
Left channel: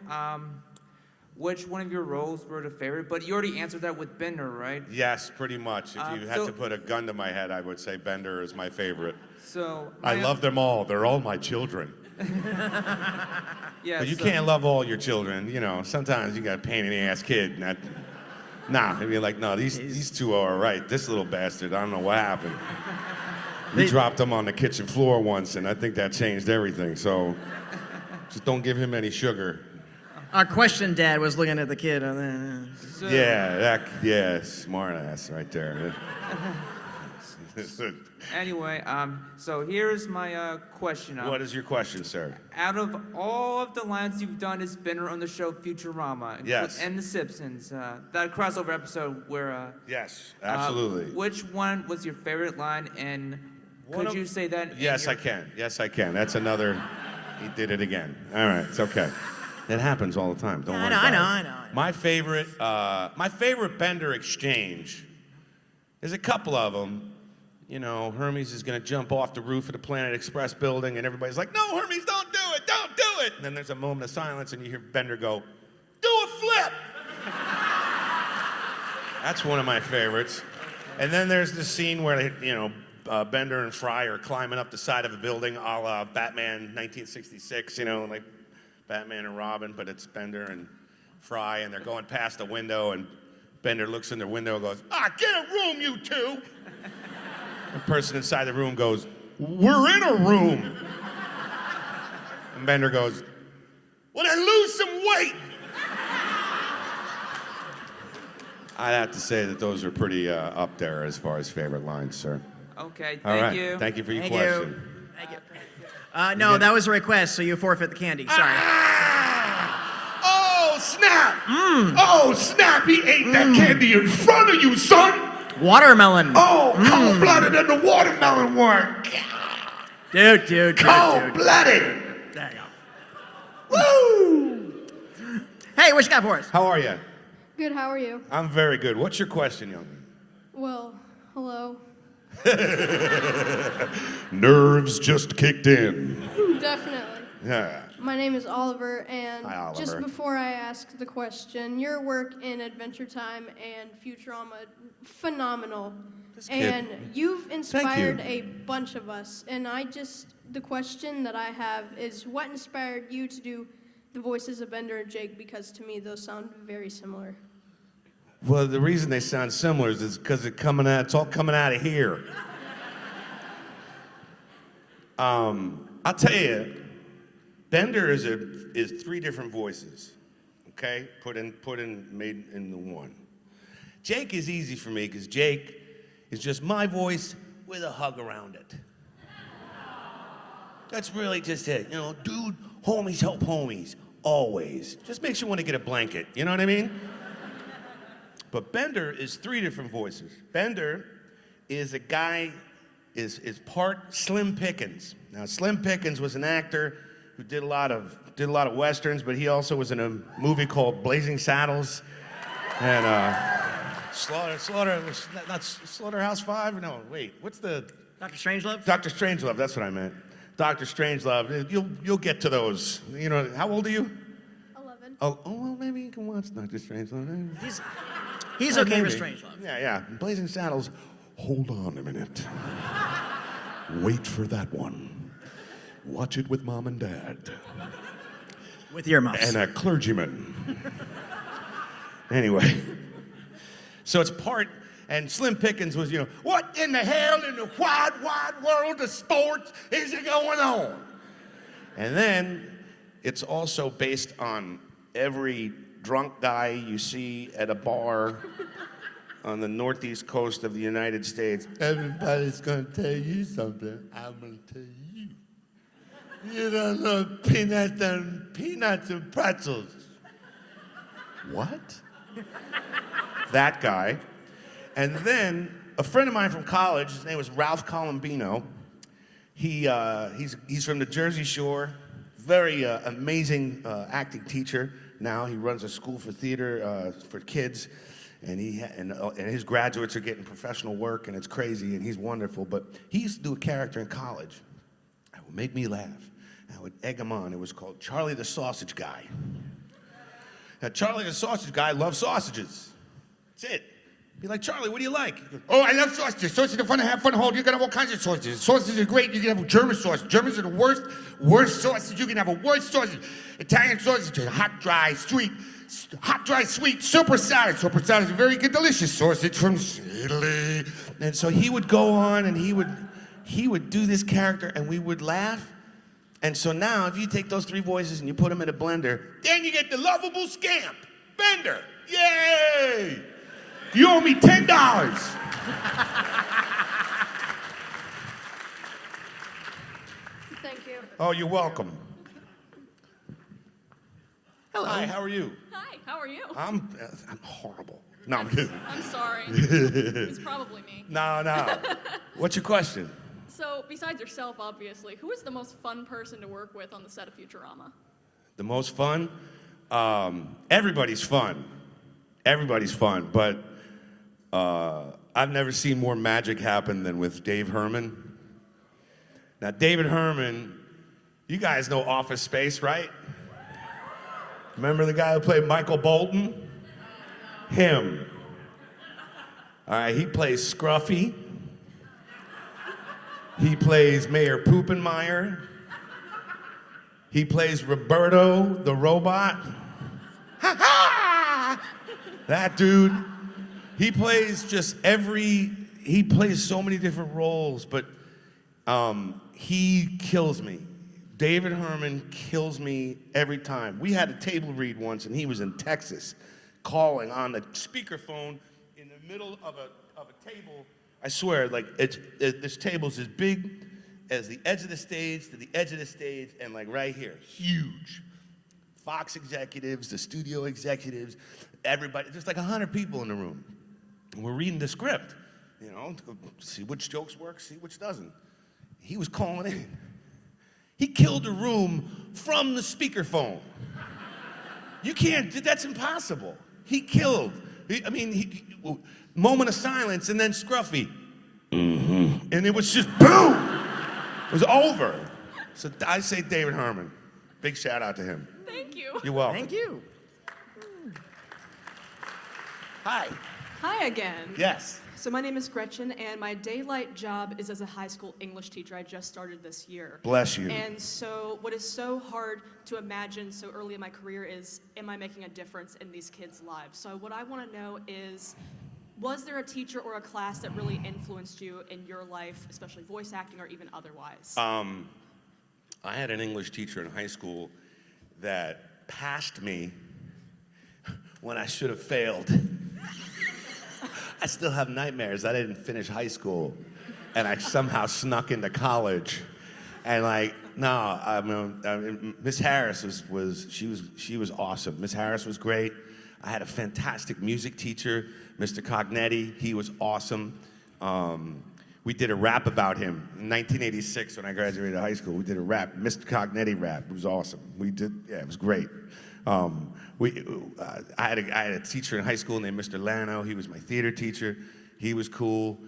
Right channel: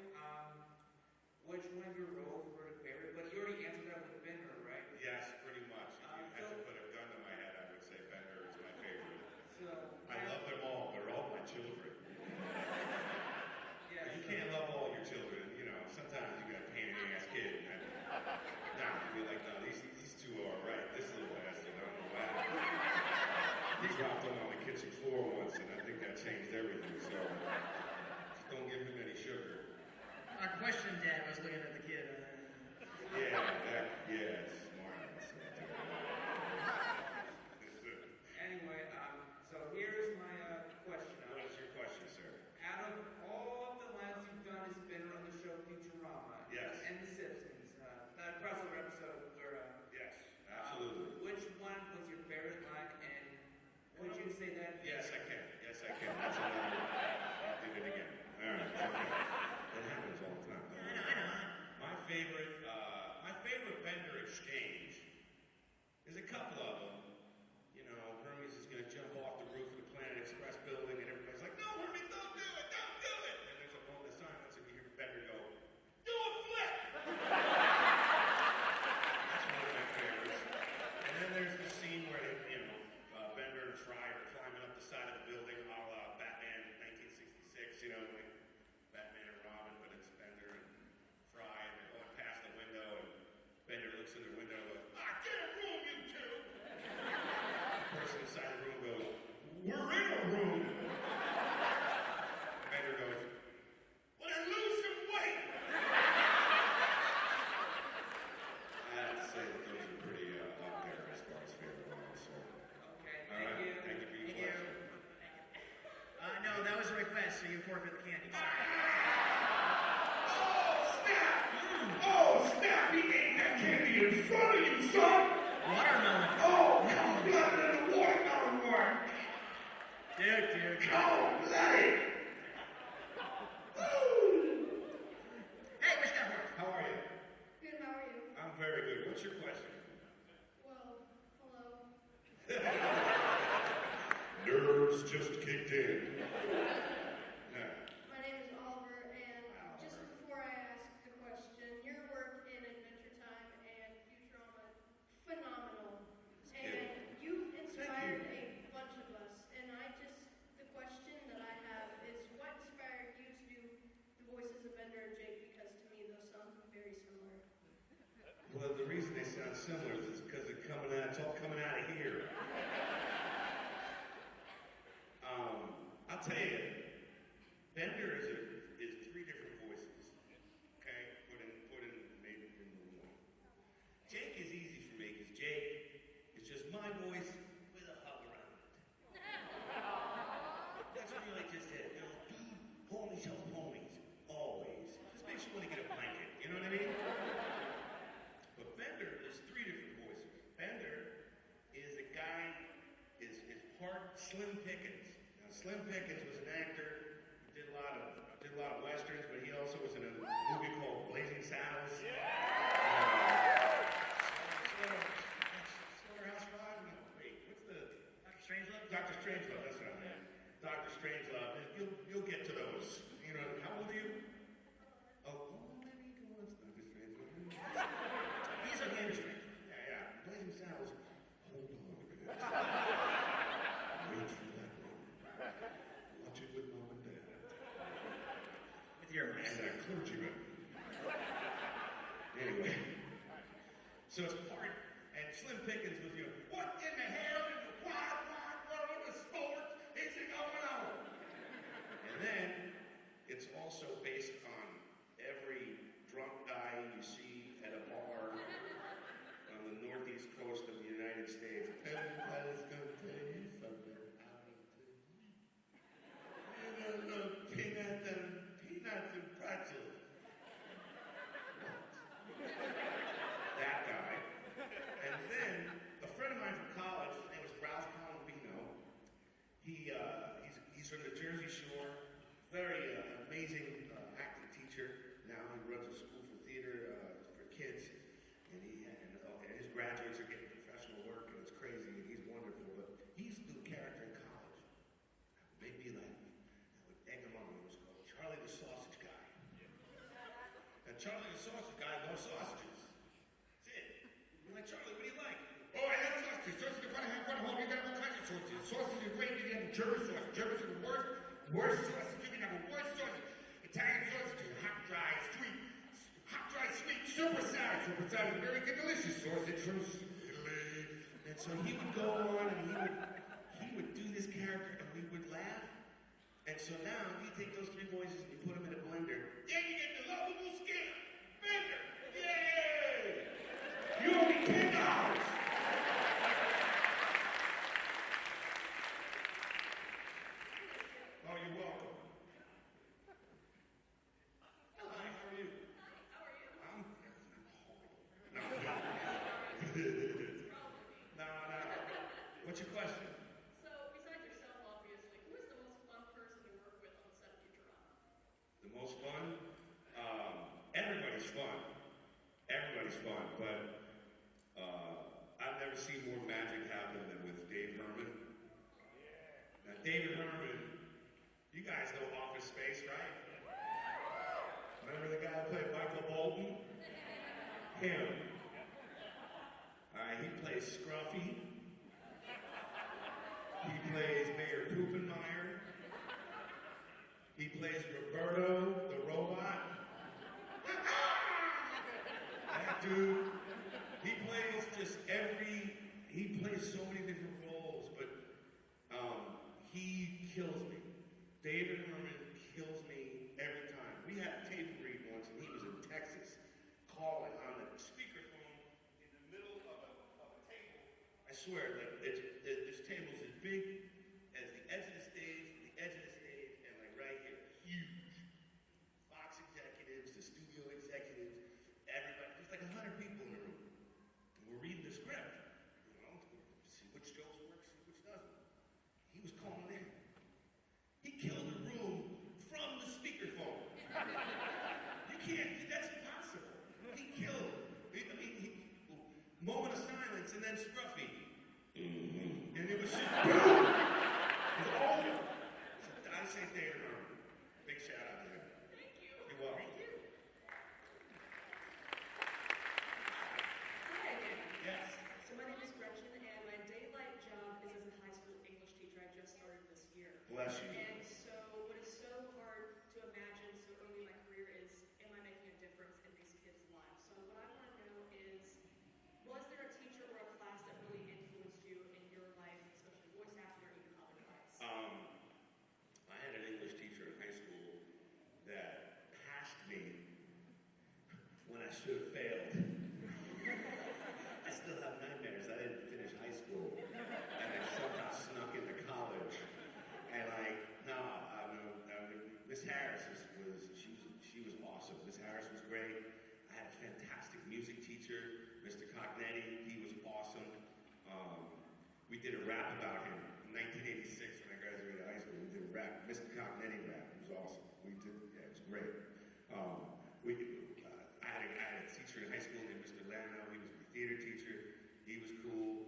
which one of your roles were the favorite, but you already answered that with Bender, right? Yes, pretty much. If you had to put a gun to my head, I would say Bender is my favorite. So I love them all. They're all my children. Yeah, But you can't love all your children. You know, sometimes you got a pain in the ass kid. And I'd be like, no, these two are all right. This little bastard, I don't know what happened. We dropped him on the kitchen floor once, and I think that changed everything. So just don't give him any sugar. Our question dad was looking at the kid. So, Yeah, smart ass right there. Anyway, so here's my question. What is your question, sir? Out of all of the lines you've done as Bender on the show Futurama, Yes. and The Simpsons, that crossover episode where Yes, absolutely. which one was your favorite line, and could you say that? Yes, I can. Yes, I can. That's another. He did it again. All right, it's okay. It happens all the time. Don't worry about it. I know. My favorite Bender exchange. There's a couple of them. You know, Hermes is going to jump off the roof of the Planet Express building, and everybody's like, no, Hermes, don't do it, don't do it. And then there's a moment of silence, and you hear Bender go, do a flip. That's one of my favorites. And then there's the scene where, Bender and Fry are climbing up the side of a building a la Batman 1966, like Batman and Robin, but it's Bender and Fry, and they're going past the window, and Bender looks in the window and goes, get a room, you two. The person inside the room goes, we're in a room. And Bender goes, well, then lose some weight. I'd have to say that those are pretty up there as far as favorite lines, sir. Okay, All thank right. you. Thank you for your Thank question. Thank you. No, that was a request, so you forfeit the candy. Sorry. Oh, snap! Oh, snap! He ate that candy in front of you, son! Watermelon. Oh, cold-blooded in the watermelon one. Dude. Cold-blooded. There you go. Woo! Hey, what you got for us? How are you? Good, how are you? I'm very good. What's your question, young man? Well, hello. Nerves just kicked in. Definitely. Yeah. My name is Oliver, and Hi, Oliver. just before I ask the question, your work in Adventure Time and Futurama, phenomenal. And you've inspired a bunch of us, and the question that I have is, what inspired you to do the voices of Bender and Jake, because to me those sound very similar. Well, the reason they sound similar is because it's all coming out of here. I'll tell you, Bender is three different voices, okay? Made into one. Jake is easy for me because Jake is just my voice with a hug around it. That's really just it. Dude, homies help homies, always. Just makes you want to get a blanket, you know what I mean? But Bender is three different voices. Bender is a guy, is part Slim Pickens. Now, Slim Pickens was an actor who did a lot of westerns, but he also was in a movie called Blazing Saddles. And Slaughterhouse 5? No, wait, what's the... Dr. Strangelove? Dr. Strangelove, that's what I meant. Dr. Strangelove, you'll get to those. How old are you? 11. Oh, well, maybe you can watch Dr. Strangelove. He's okay with Strangelove. Yeah. Blazing Saddles, hold on a minute. Wait for that one. Watch it with mom and dad. With earmuffs. And a clergyman. Anyway. So it's part, and Slim Pickens was, what in the hell in the wide world of sports is it going on? And then it's also based on every drunk guy you see at a bar on the northeast coast of the United States. Everybody's gonna tell you something. I'm gonna tell you. You don't know peanuts and pretzels. What? That guy. And then a friend of mine from college, his name was Ralph Colombino. He's from the Jersey Shore, very amazing acting teacher. Now he runs a school for theater for kids, and his graduates are getting professional work, and it's crazy, and he's wonderful. But he used to do a character in college that would make me laugh. I would egg him on. It was called Charlie the Sausage Guy. Now, Charlie the Sausage Guy loves sausages. That's it. Be like, Charlie, what do you like? Oh, I love sausages. Sausages are fun to have fun to hold. You can have all kinds of sausages. Sausages are great. You can have German sausage. Germans are the worst sausage. You can have a worst sausage. Italian sausage, hot, dry, sweet, super salad. Super salad is a very good, delicious sausage from Italy. And so he would go on and he would do this character and we would laugh. And so now if you take those three voices and you put them in a blender, Then you get the lovable scamp, Bender. Yay! You owe me $10. Thank you. oh, you're welcome. Hello. Hi, how are you? Hi, how are you? I'm horrible. No, I'm kidding. I'm sorry. It's probably me. No. What's your question? So, besides yourself, obviously, who is the most fun person to work with on the set of Futurama? The most fun? Everybody's fun. Everybody's fun, but I've never seen more magic happen than with Dave Herman. Now, David Herman, you guys know Office Space, right? Remember the guy who played Michael Bolton? Him. All right, he plays Scruffy. He plays Mayor Poopenmeyer. He plays Roberto the robot. Ha ha! That dude. He plays he plays so many different roles, but he kills me. David Herman kills me every time. We had a table read once, and he was in Texas, calling on the speakerphone in the middle of a table. I swear, like this table's as big as the edge of the stage to the edge of the stage, and like right here, huge. Fox executives, the studio executives, everybody. There's like 100 people in the room. And we're reading the script, you know, to see which jokes work, see which doesn't. He was calling in. He killed the room from the speakerphone. You can't, that's impossible. He killed. Moment of silence and then Scruffy. Mm-hmm. And it was just boom. It was over. So I say David Herman. Big shout out to him. Thank you. You're welcome. Thank you. Hi. Hi again. Yes. So my name is Gretchen, and my daylight job is as a high school English teacher. I just started this year. Bless you. And so what is so hard to imagine so early in my career is, am I making a difference in these kids' lives? So what I want to know is, was there a teacher or a class that really influenced you in your life, especially voice acting or even otherwise? I had an English teacher in high school that passed me when I should have failed. I still have nightmares. I didn't finish high school, and I somehow snuck into college. And like, no, Miss Harris she was awesome. Miss Harris was great. I had a fantastic music teacher, Mr. Cognetti. He was awesome. We did a rap about him in 1986 when I graduated high school. We did a rap, Mr. Cognetti rap. It was awesome. It was great. I had a teacher in high school named Mr. Lano. He was my theater teacher. He was cool.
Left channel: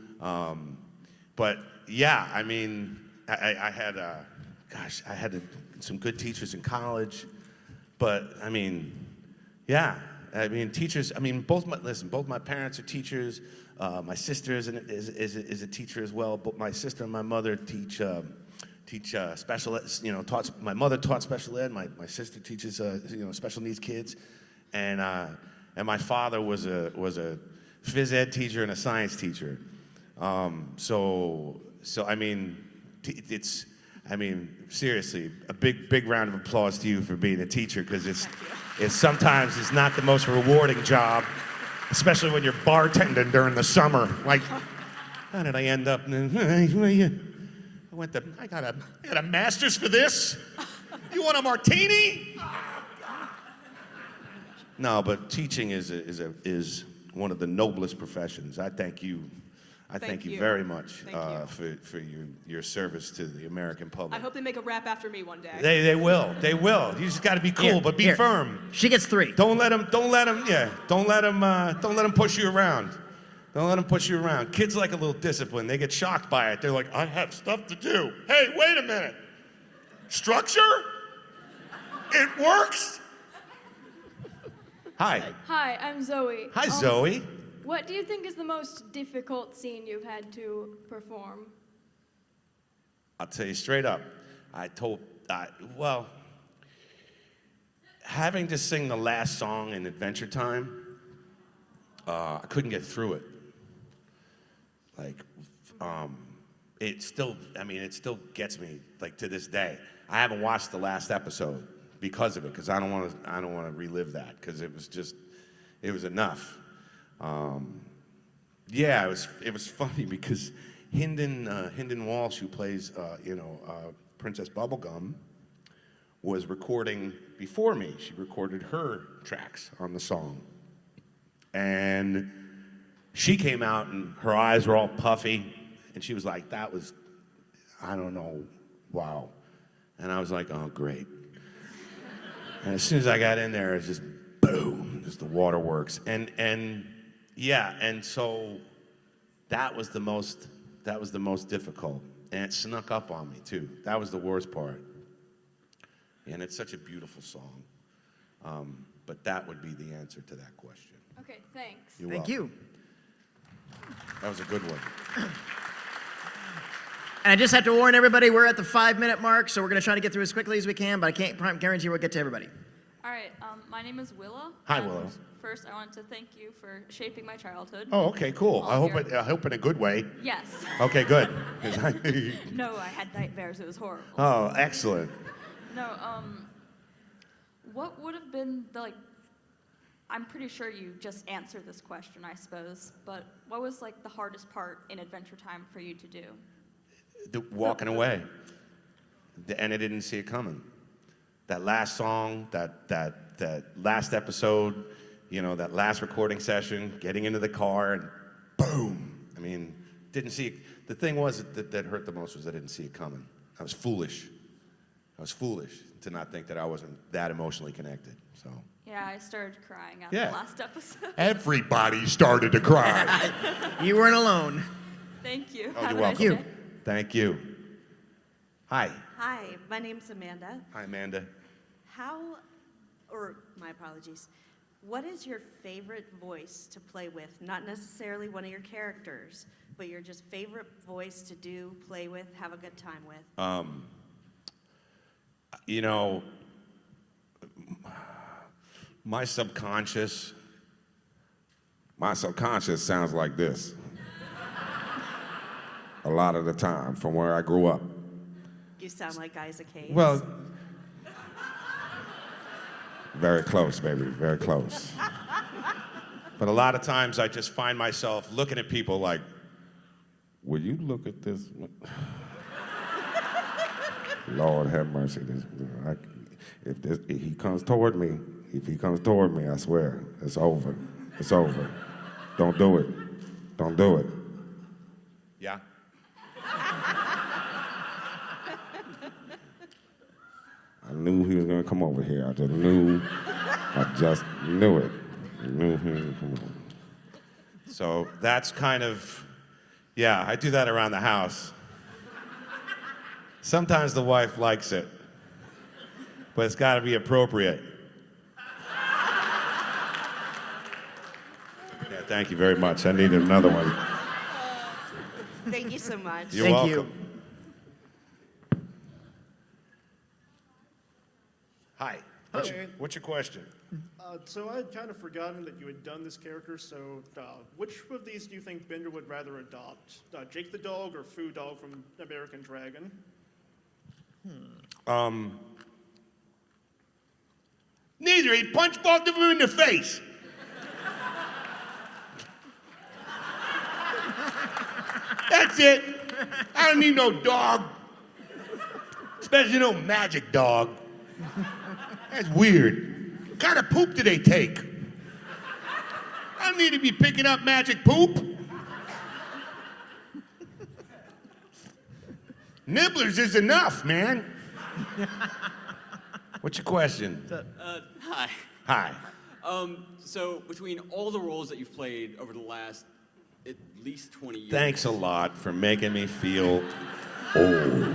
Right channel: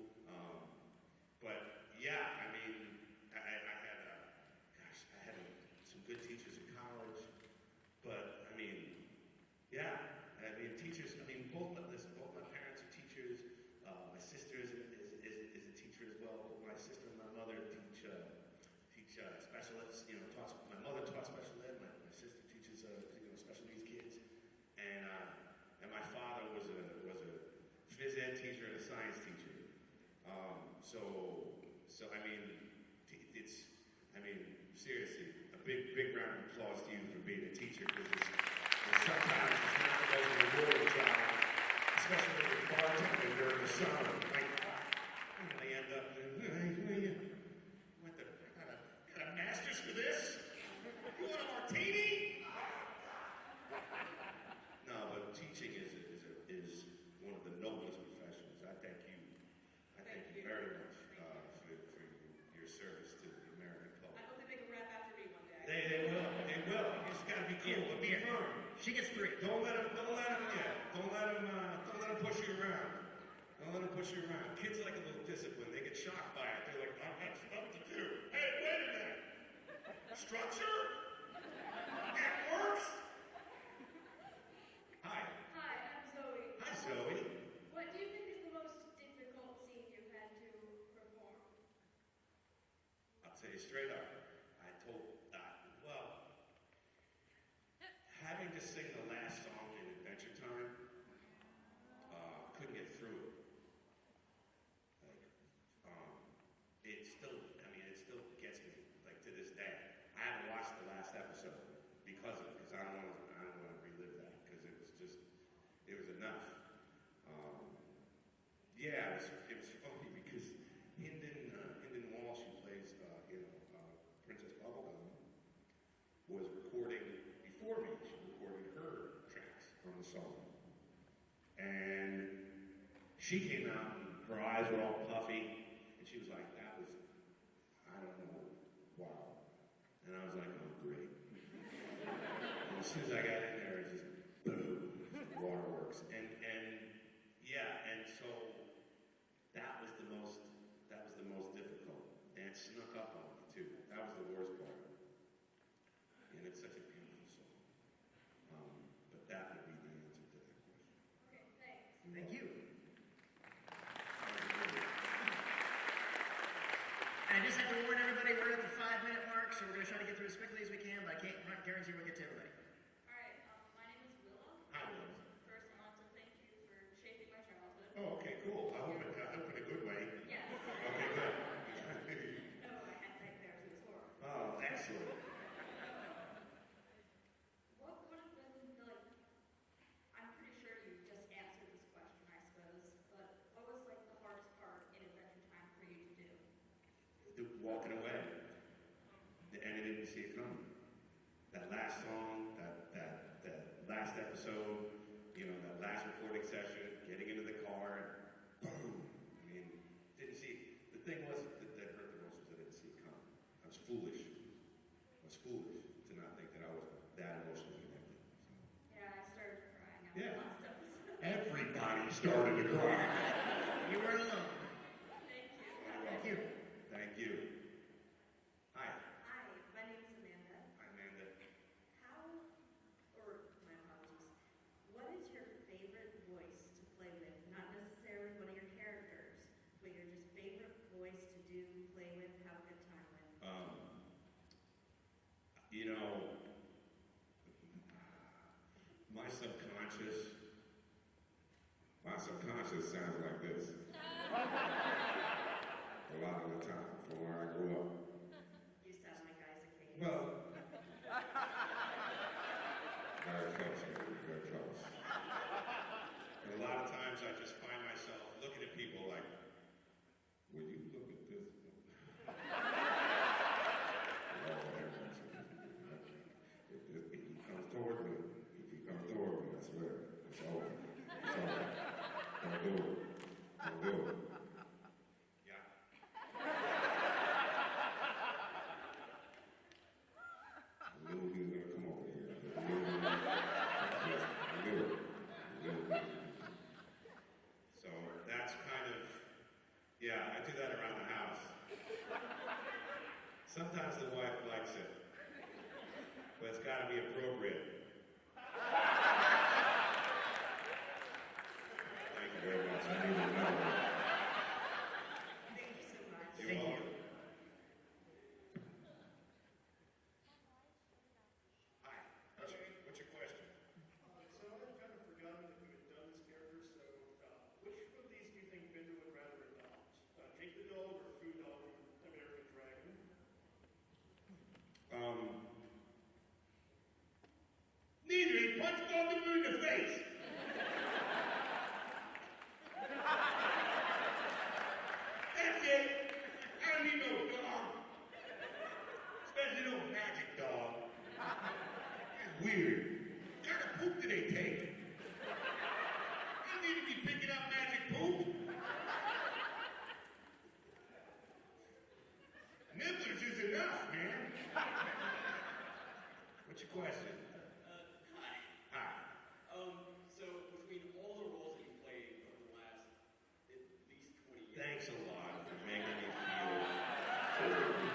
But yeah, I mean, I had some good teachers in college. But I mean, yeah, I mean, teachers. I mean, both my parents are teachers. My sister is a teacher as well. But my sister and my mother teach special ed, my mother taught special ed. My sister teaches, special needs kids, and my father was a phys ed teacher and a science teacher. So I mean, seriously, a big round of applause to you for being a teacher, because it's sometimes not the most rewarding job, Especially when you're bartending during the summer. Like, how did I end up? I got a master's for this? You want a martini? No, but teaching is one of the noblest professions. I thank you. I thank you very much for your service to the American public. I hope they make a rap after me one day. They will. They will. You just got to be cool, but be firm. She gets 3. Don't let them push you around. Don't let them push you around. Kids like a little discipline. They get shocked by it. They're like, I have stuff to do. Hey, wait a minute. Structure? It works? Hi. Hi, I'm Zoe. Hi, Zoe. What do you think is the most difficult scene you've had to perform? I'll tell you straight up. Having to sing the last song in Adventure Time, I couldn't get through it. It still gets me, like, to this day. I haven't watched the last episode because of it, because I don't want to relive that, because it was enough. It was funny because Hynden Walsh, who plays Princess Bubblegum, was recording before me. She recorded her tracks on the song, and she came out and her eyes were all puffy, and she was like, "That was, I don't know, wow," and I was like, "Oh, great." And as soon as I got in there, it's just boom, just the waterworks, and so that was the most difficult, and it snuck up on me too. That was the worst part, and it's such a beautiful song, but that would be the answer to that question. Okay, thanks. Thank you. That was a good one. And I just have to warn everybody, we're at the 5-minute mark, so we're going to try to get through as quickly as we can, but I can't guarantee we'll get to everybody. All right, my name is Willow. Hi, Willow. First, I want to thank you for shaping my childhood. Oh, okay, cool. I hope in a good way. Yes. Okay, good. No, I had nightmares. It was horrible. Oh, excellent. No, what would have been I'm pretty sure you just answered this question, I suppose, but what was the hardest part in Adventure Time for you to do? Walking away. And I didn't see it coming. That last song, that last episode, that last recording session, getting into the car, and boom. I mean, didn't see it. The thing was that hurt the most was I didn't see it coming. I was foolish. To not think that I wasn't that emotionally connected. So. Yeah, I started crying after the last episode. Everybody started to cry. You weren't alone. Thank you. Oh, Have you're a nice welcome. day. Thank you. Hi. Hi, my name's Amanda. Hi, Amanda. My apologies. What is your favorite voice to play with? Not necessarily one of your characters, but your just favorite voice to play with, have a good time with? My subconscious sounds like this. A lot of the time, from where I grew up. You sound like Isaac Hayes. Well, very close, baby, very close. But a lot of times I just find myself looking at people like, will you look at this? Lord have mercy. If he comes toward me, I swear, it's over. It's over. Don't do it. Don't do it. yeah. I knew he was gonna come over here. I just knew it. I knew he was gonna come over. So that's kind of, I do that around the house. Sometimes the wife likes it, but it's got to be appropriate. Yeah, thank you very much. I needed another one. Thank you so much. You're welcome. Hi. What's your question? So I had kind of forgotten that you had done this character, so which of these do you think Bender would rather adopt? Jake the dog or Foo Dog from American Dragon? Neither. He punched both of them in the face. That's it. I don't need no dog. Especially no magic dog. That's weird. What kind of poop do they take? I don't need to be picking up magic poop. Nibblers is enough, man. What's your question? Hi. Hi. So between all the roles that you've played over the last at least 20 years. Thanks a lot for making me feel old.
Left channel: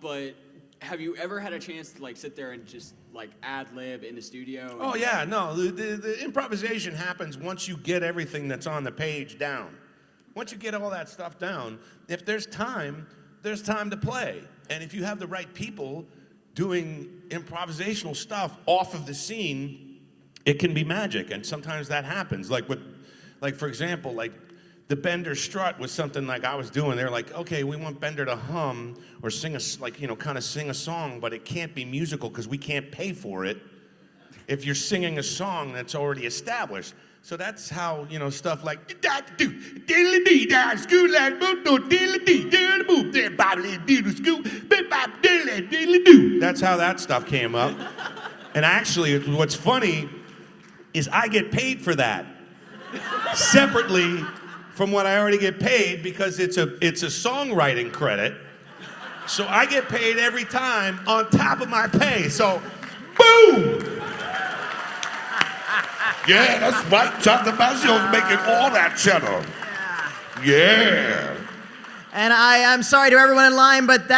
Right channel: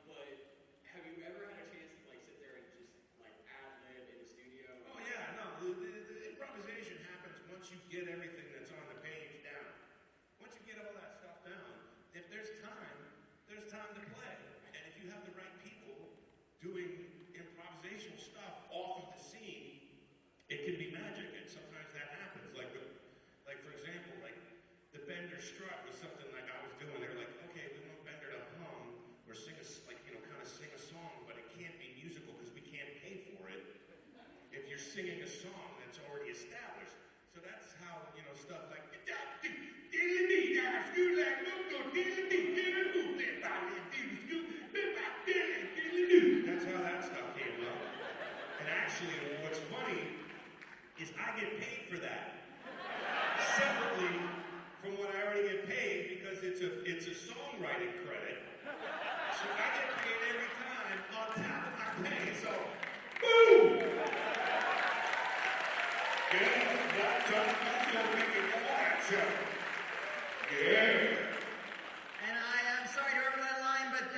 But have you ever had a chance to like sit there and just like ad lib in the studio? Oh yeah, no, the improvisation happens once you get everything that's on the page down. Once you get all that stuff down, if there's time to play. And if you have the right people doing improvisational stuff off of the scene, it can be magic. And sometimes that happens. Like for example, like the Bender strut was something like I was doing. They're like, okay, we want Bender to hum or sing kind of sing a song, but it can't be musical because we can't pay for it if you're singing a song that's already established. So that's how, stuff like that's how that stuff came up. And actually, what's funny is I get paid for that separately from what I already get paid because it's a songwriting credit. So I get paid every time on top of my pay. So, boom! Yeah, that's right. John Dimaggio's making all that cheddar. Yeah. And I'm sorry to everyone in line, but that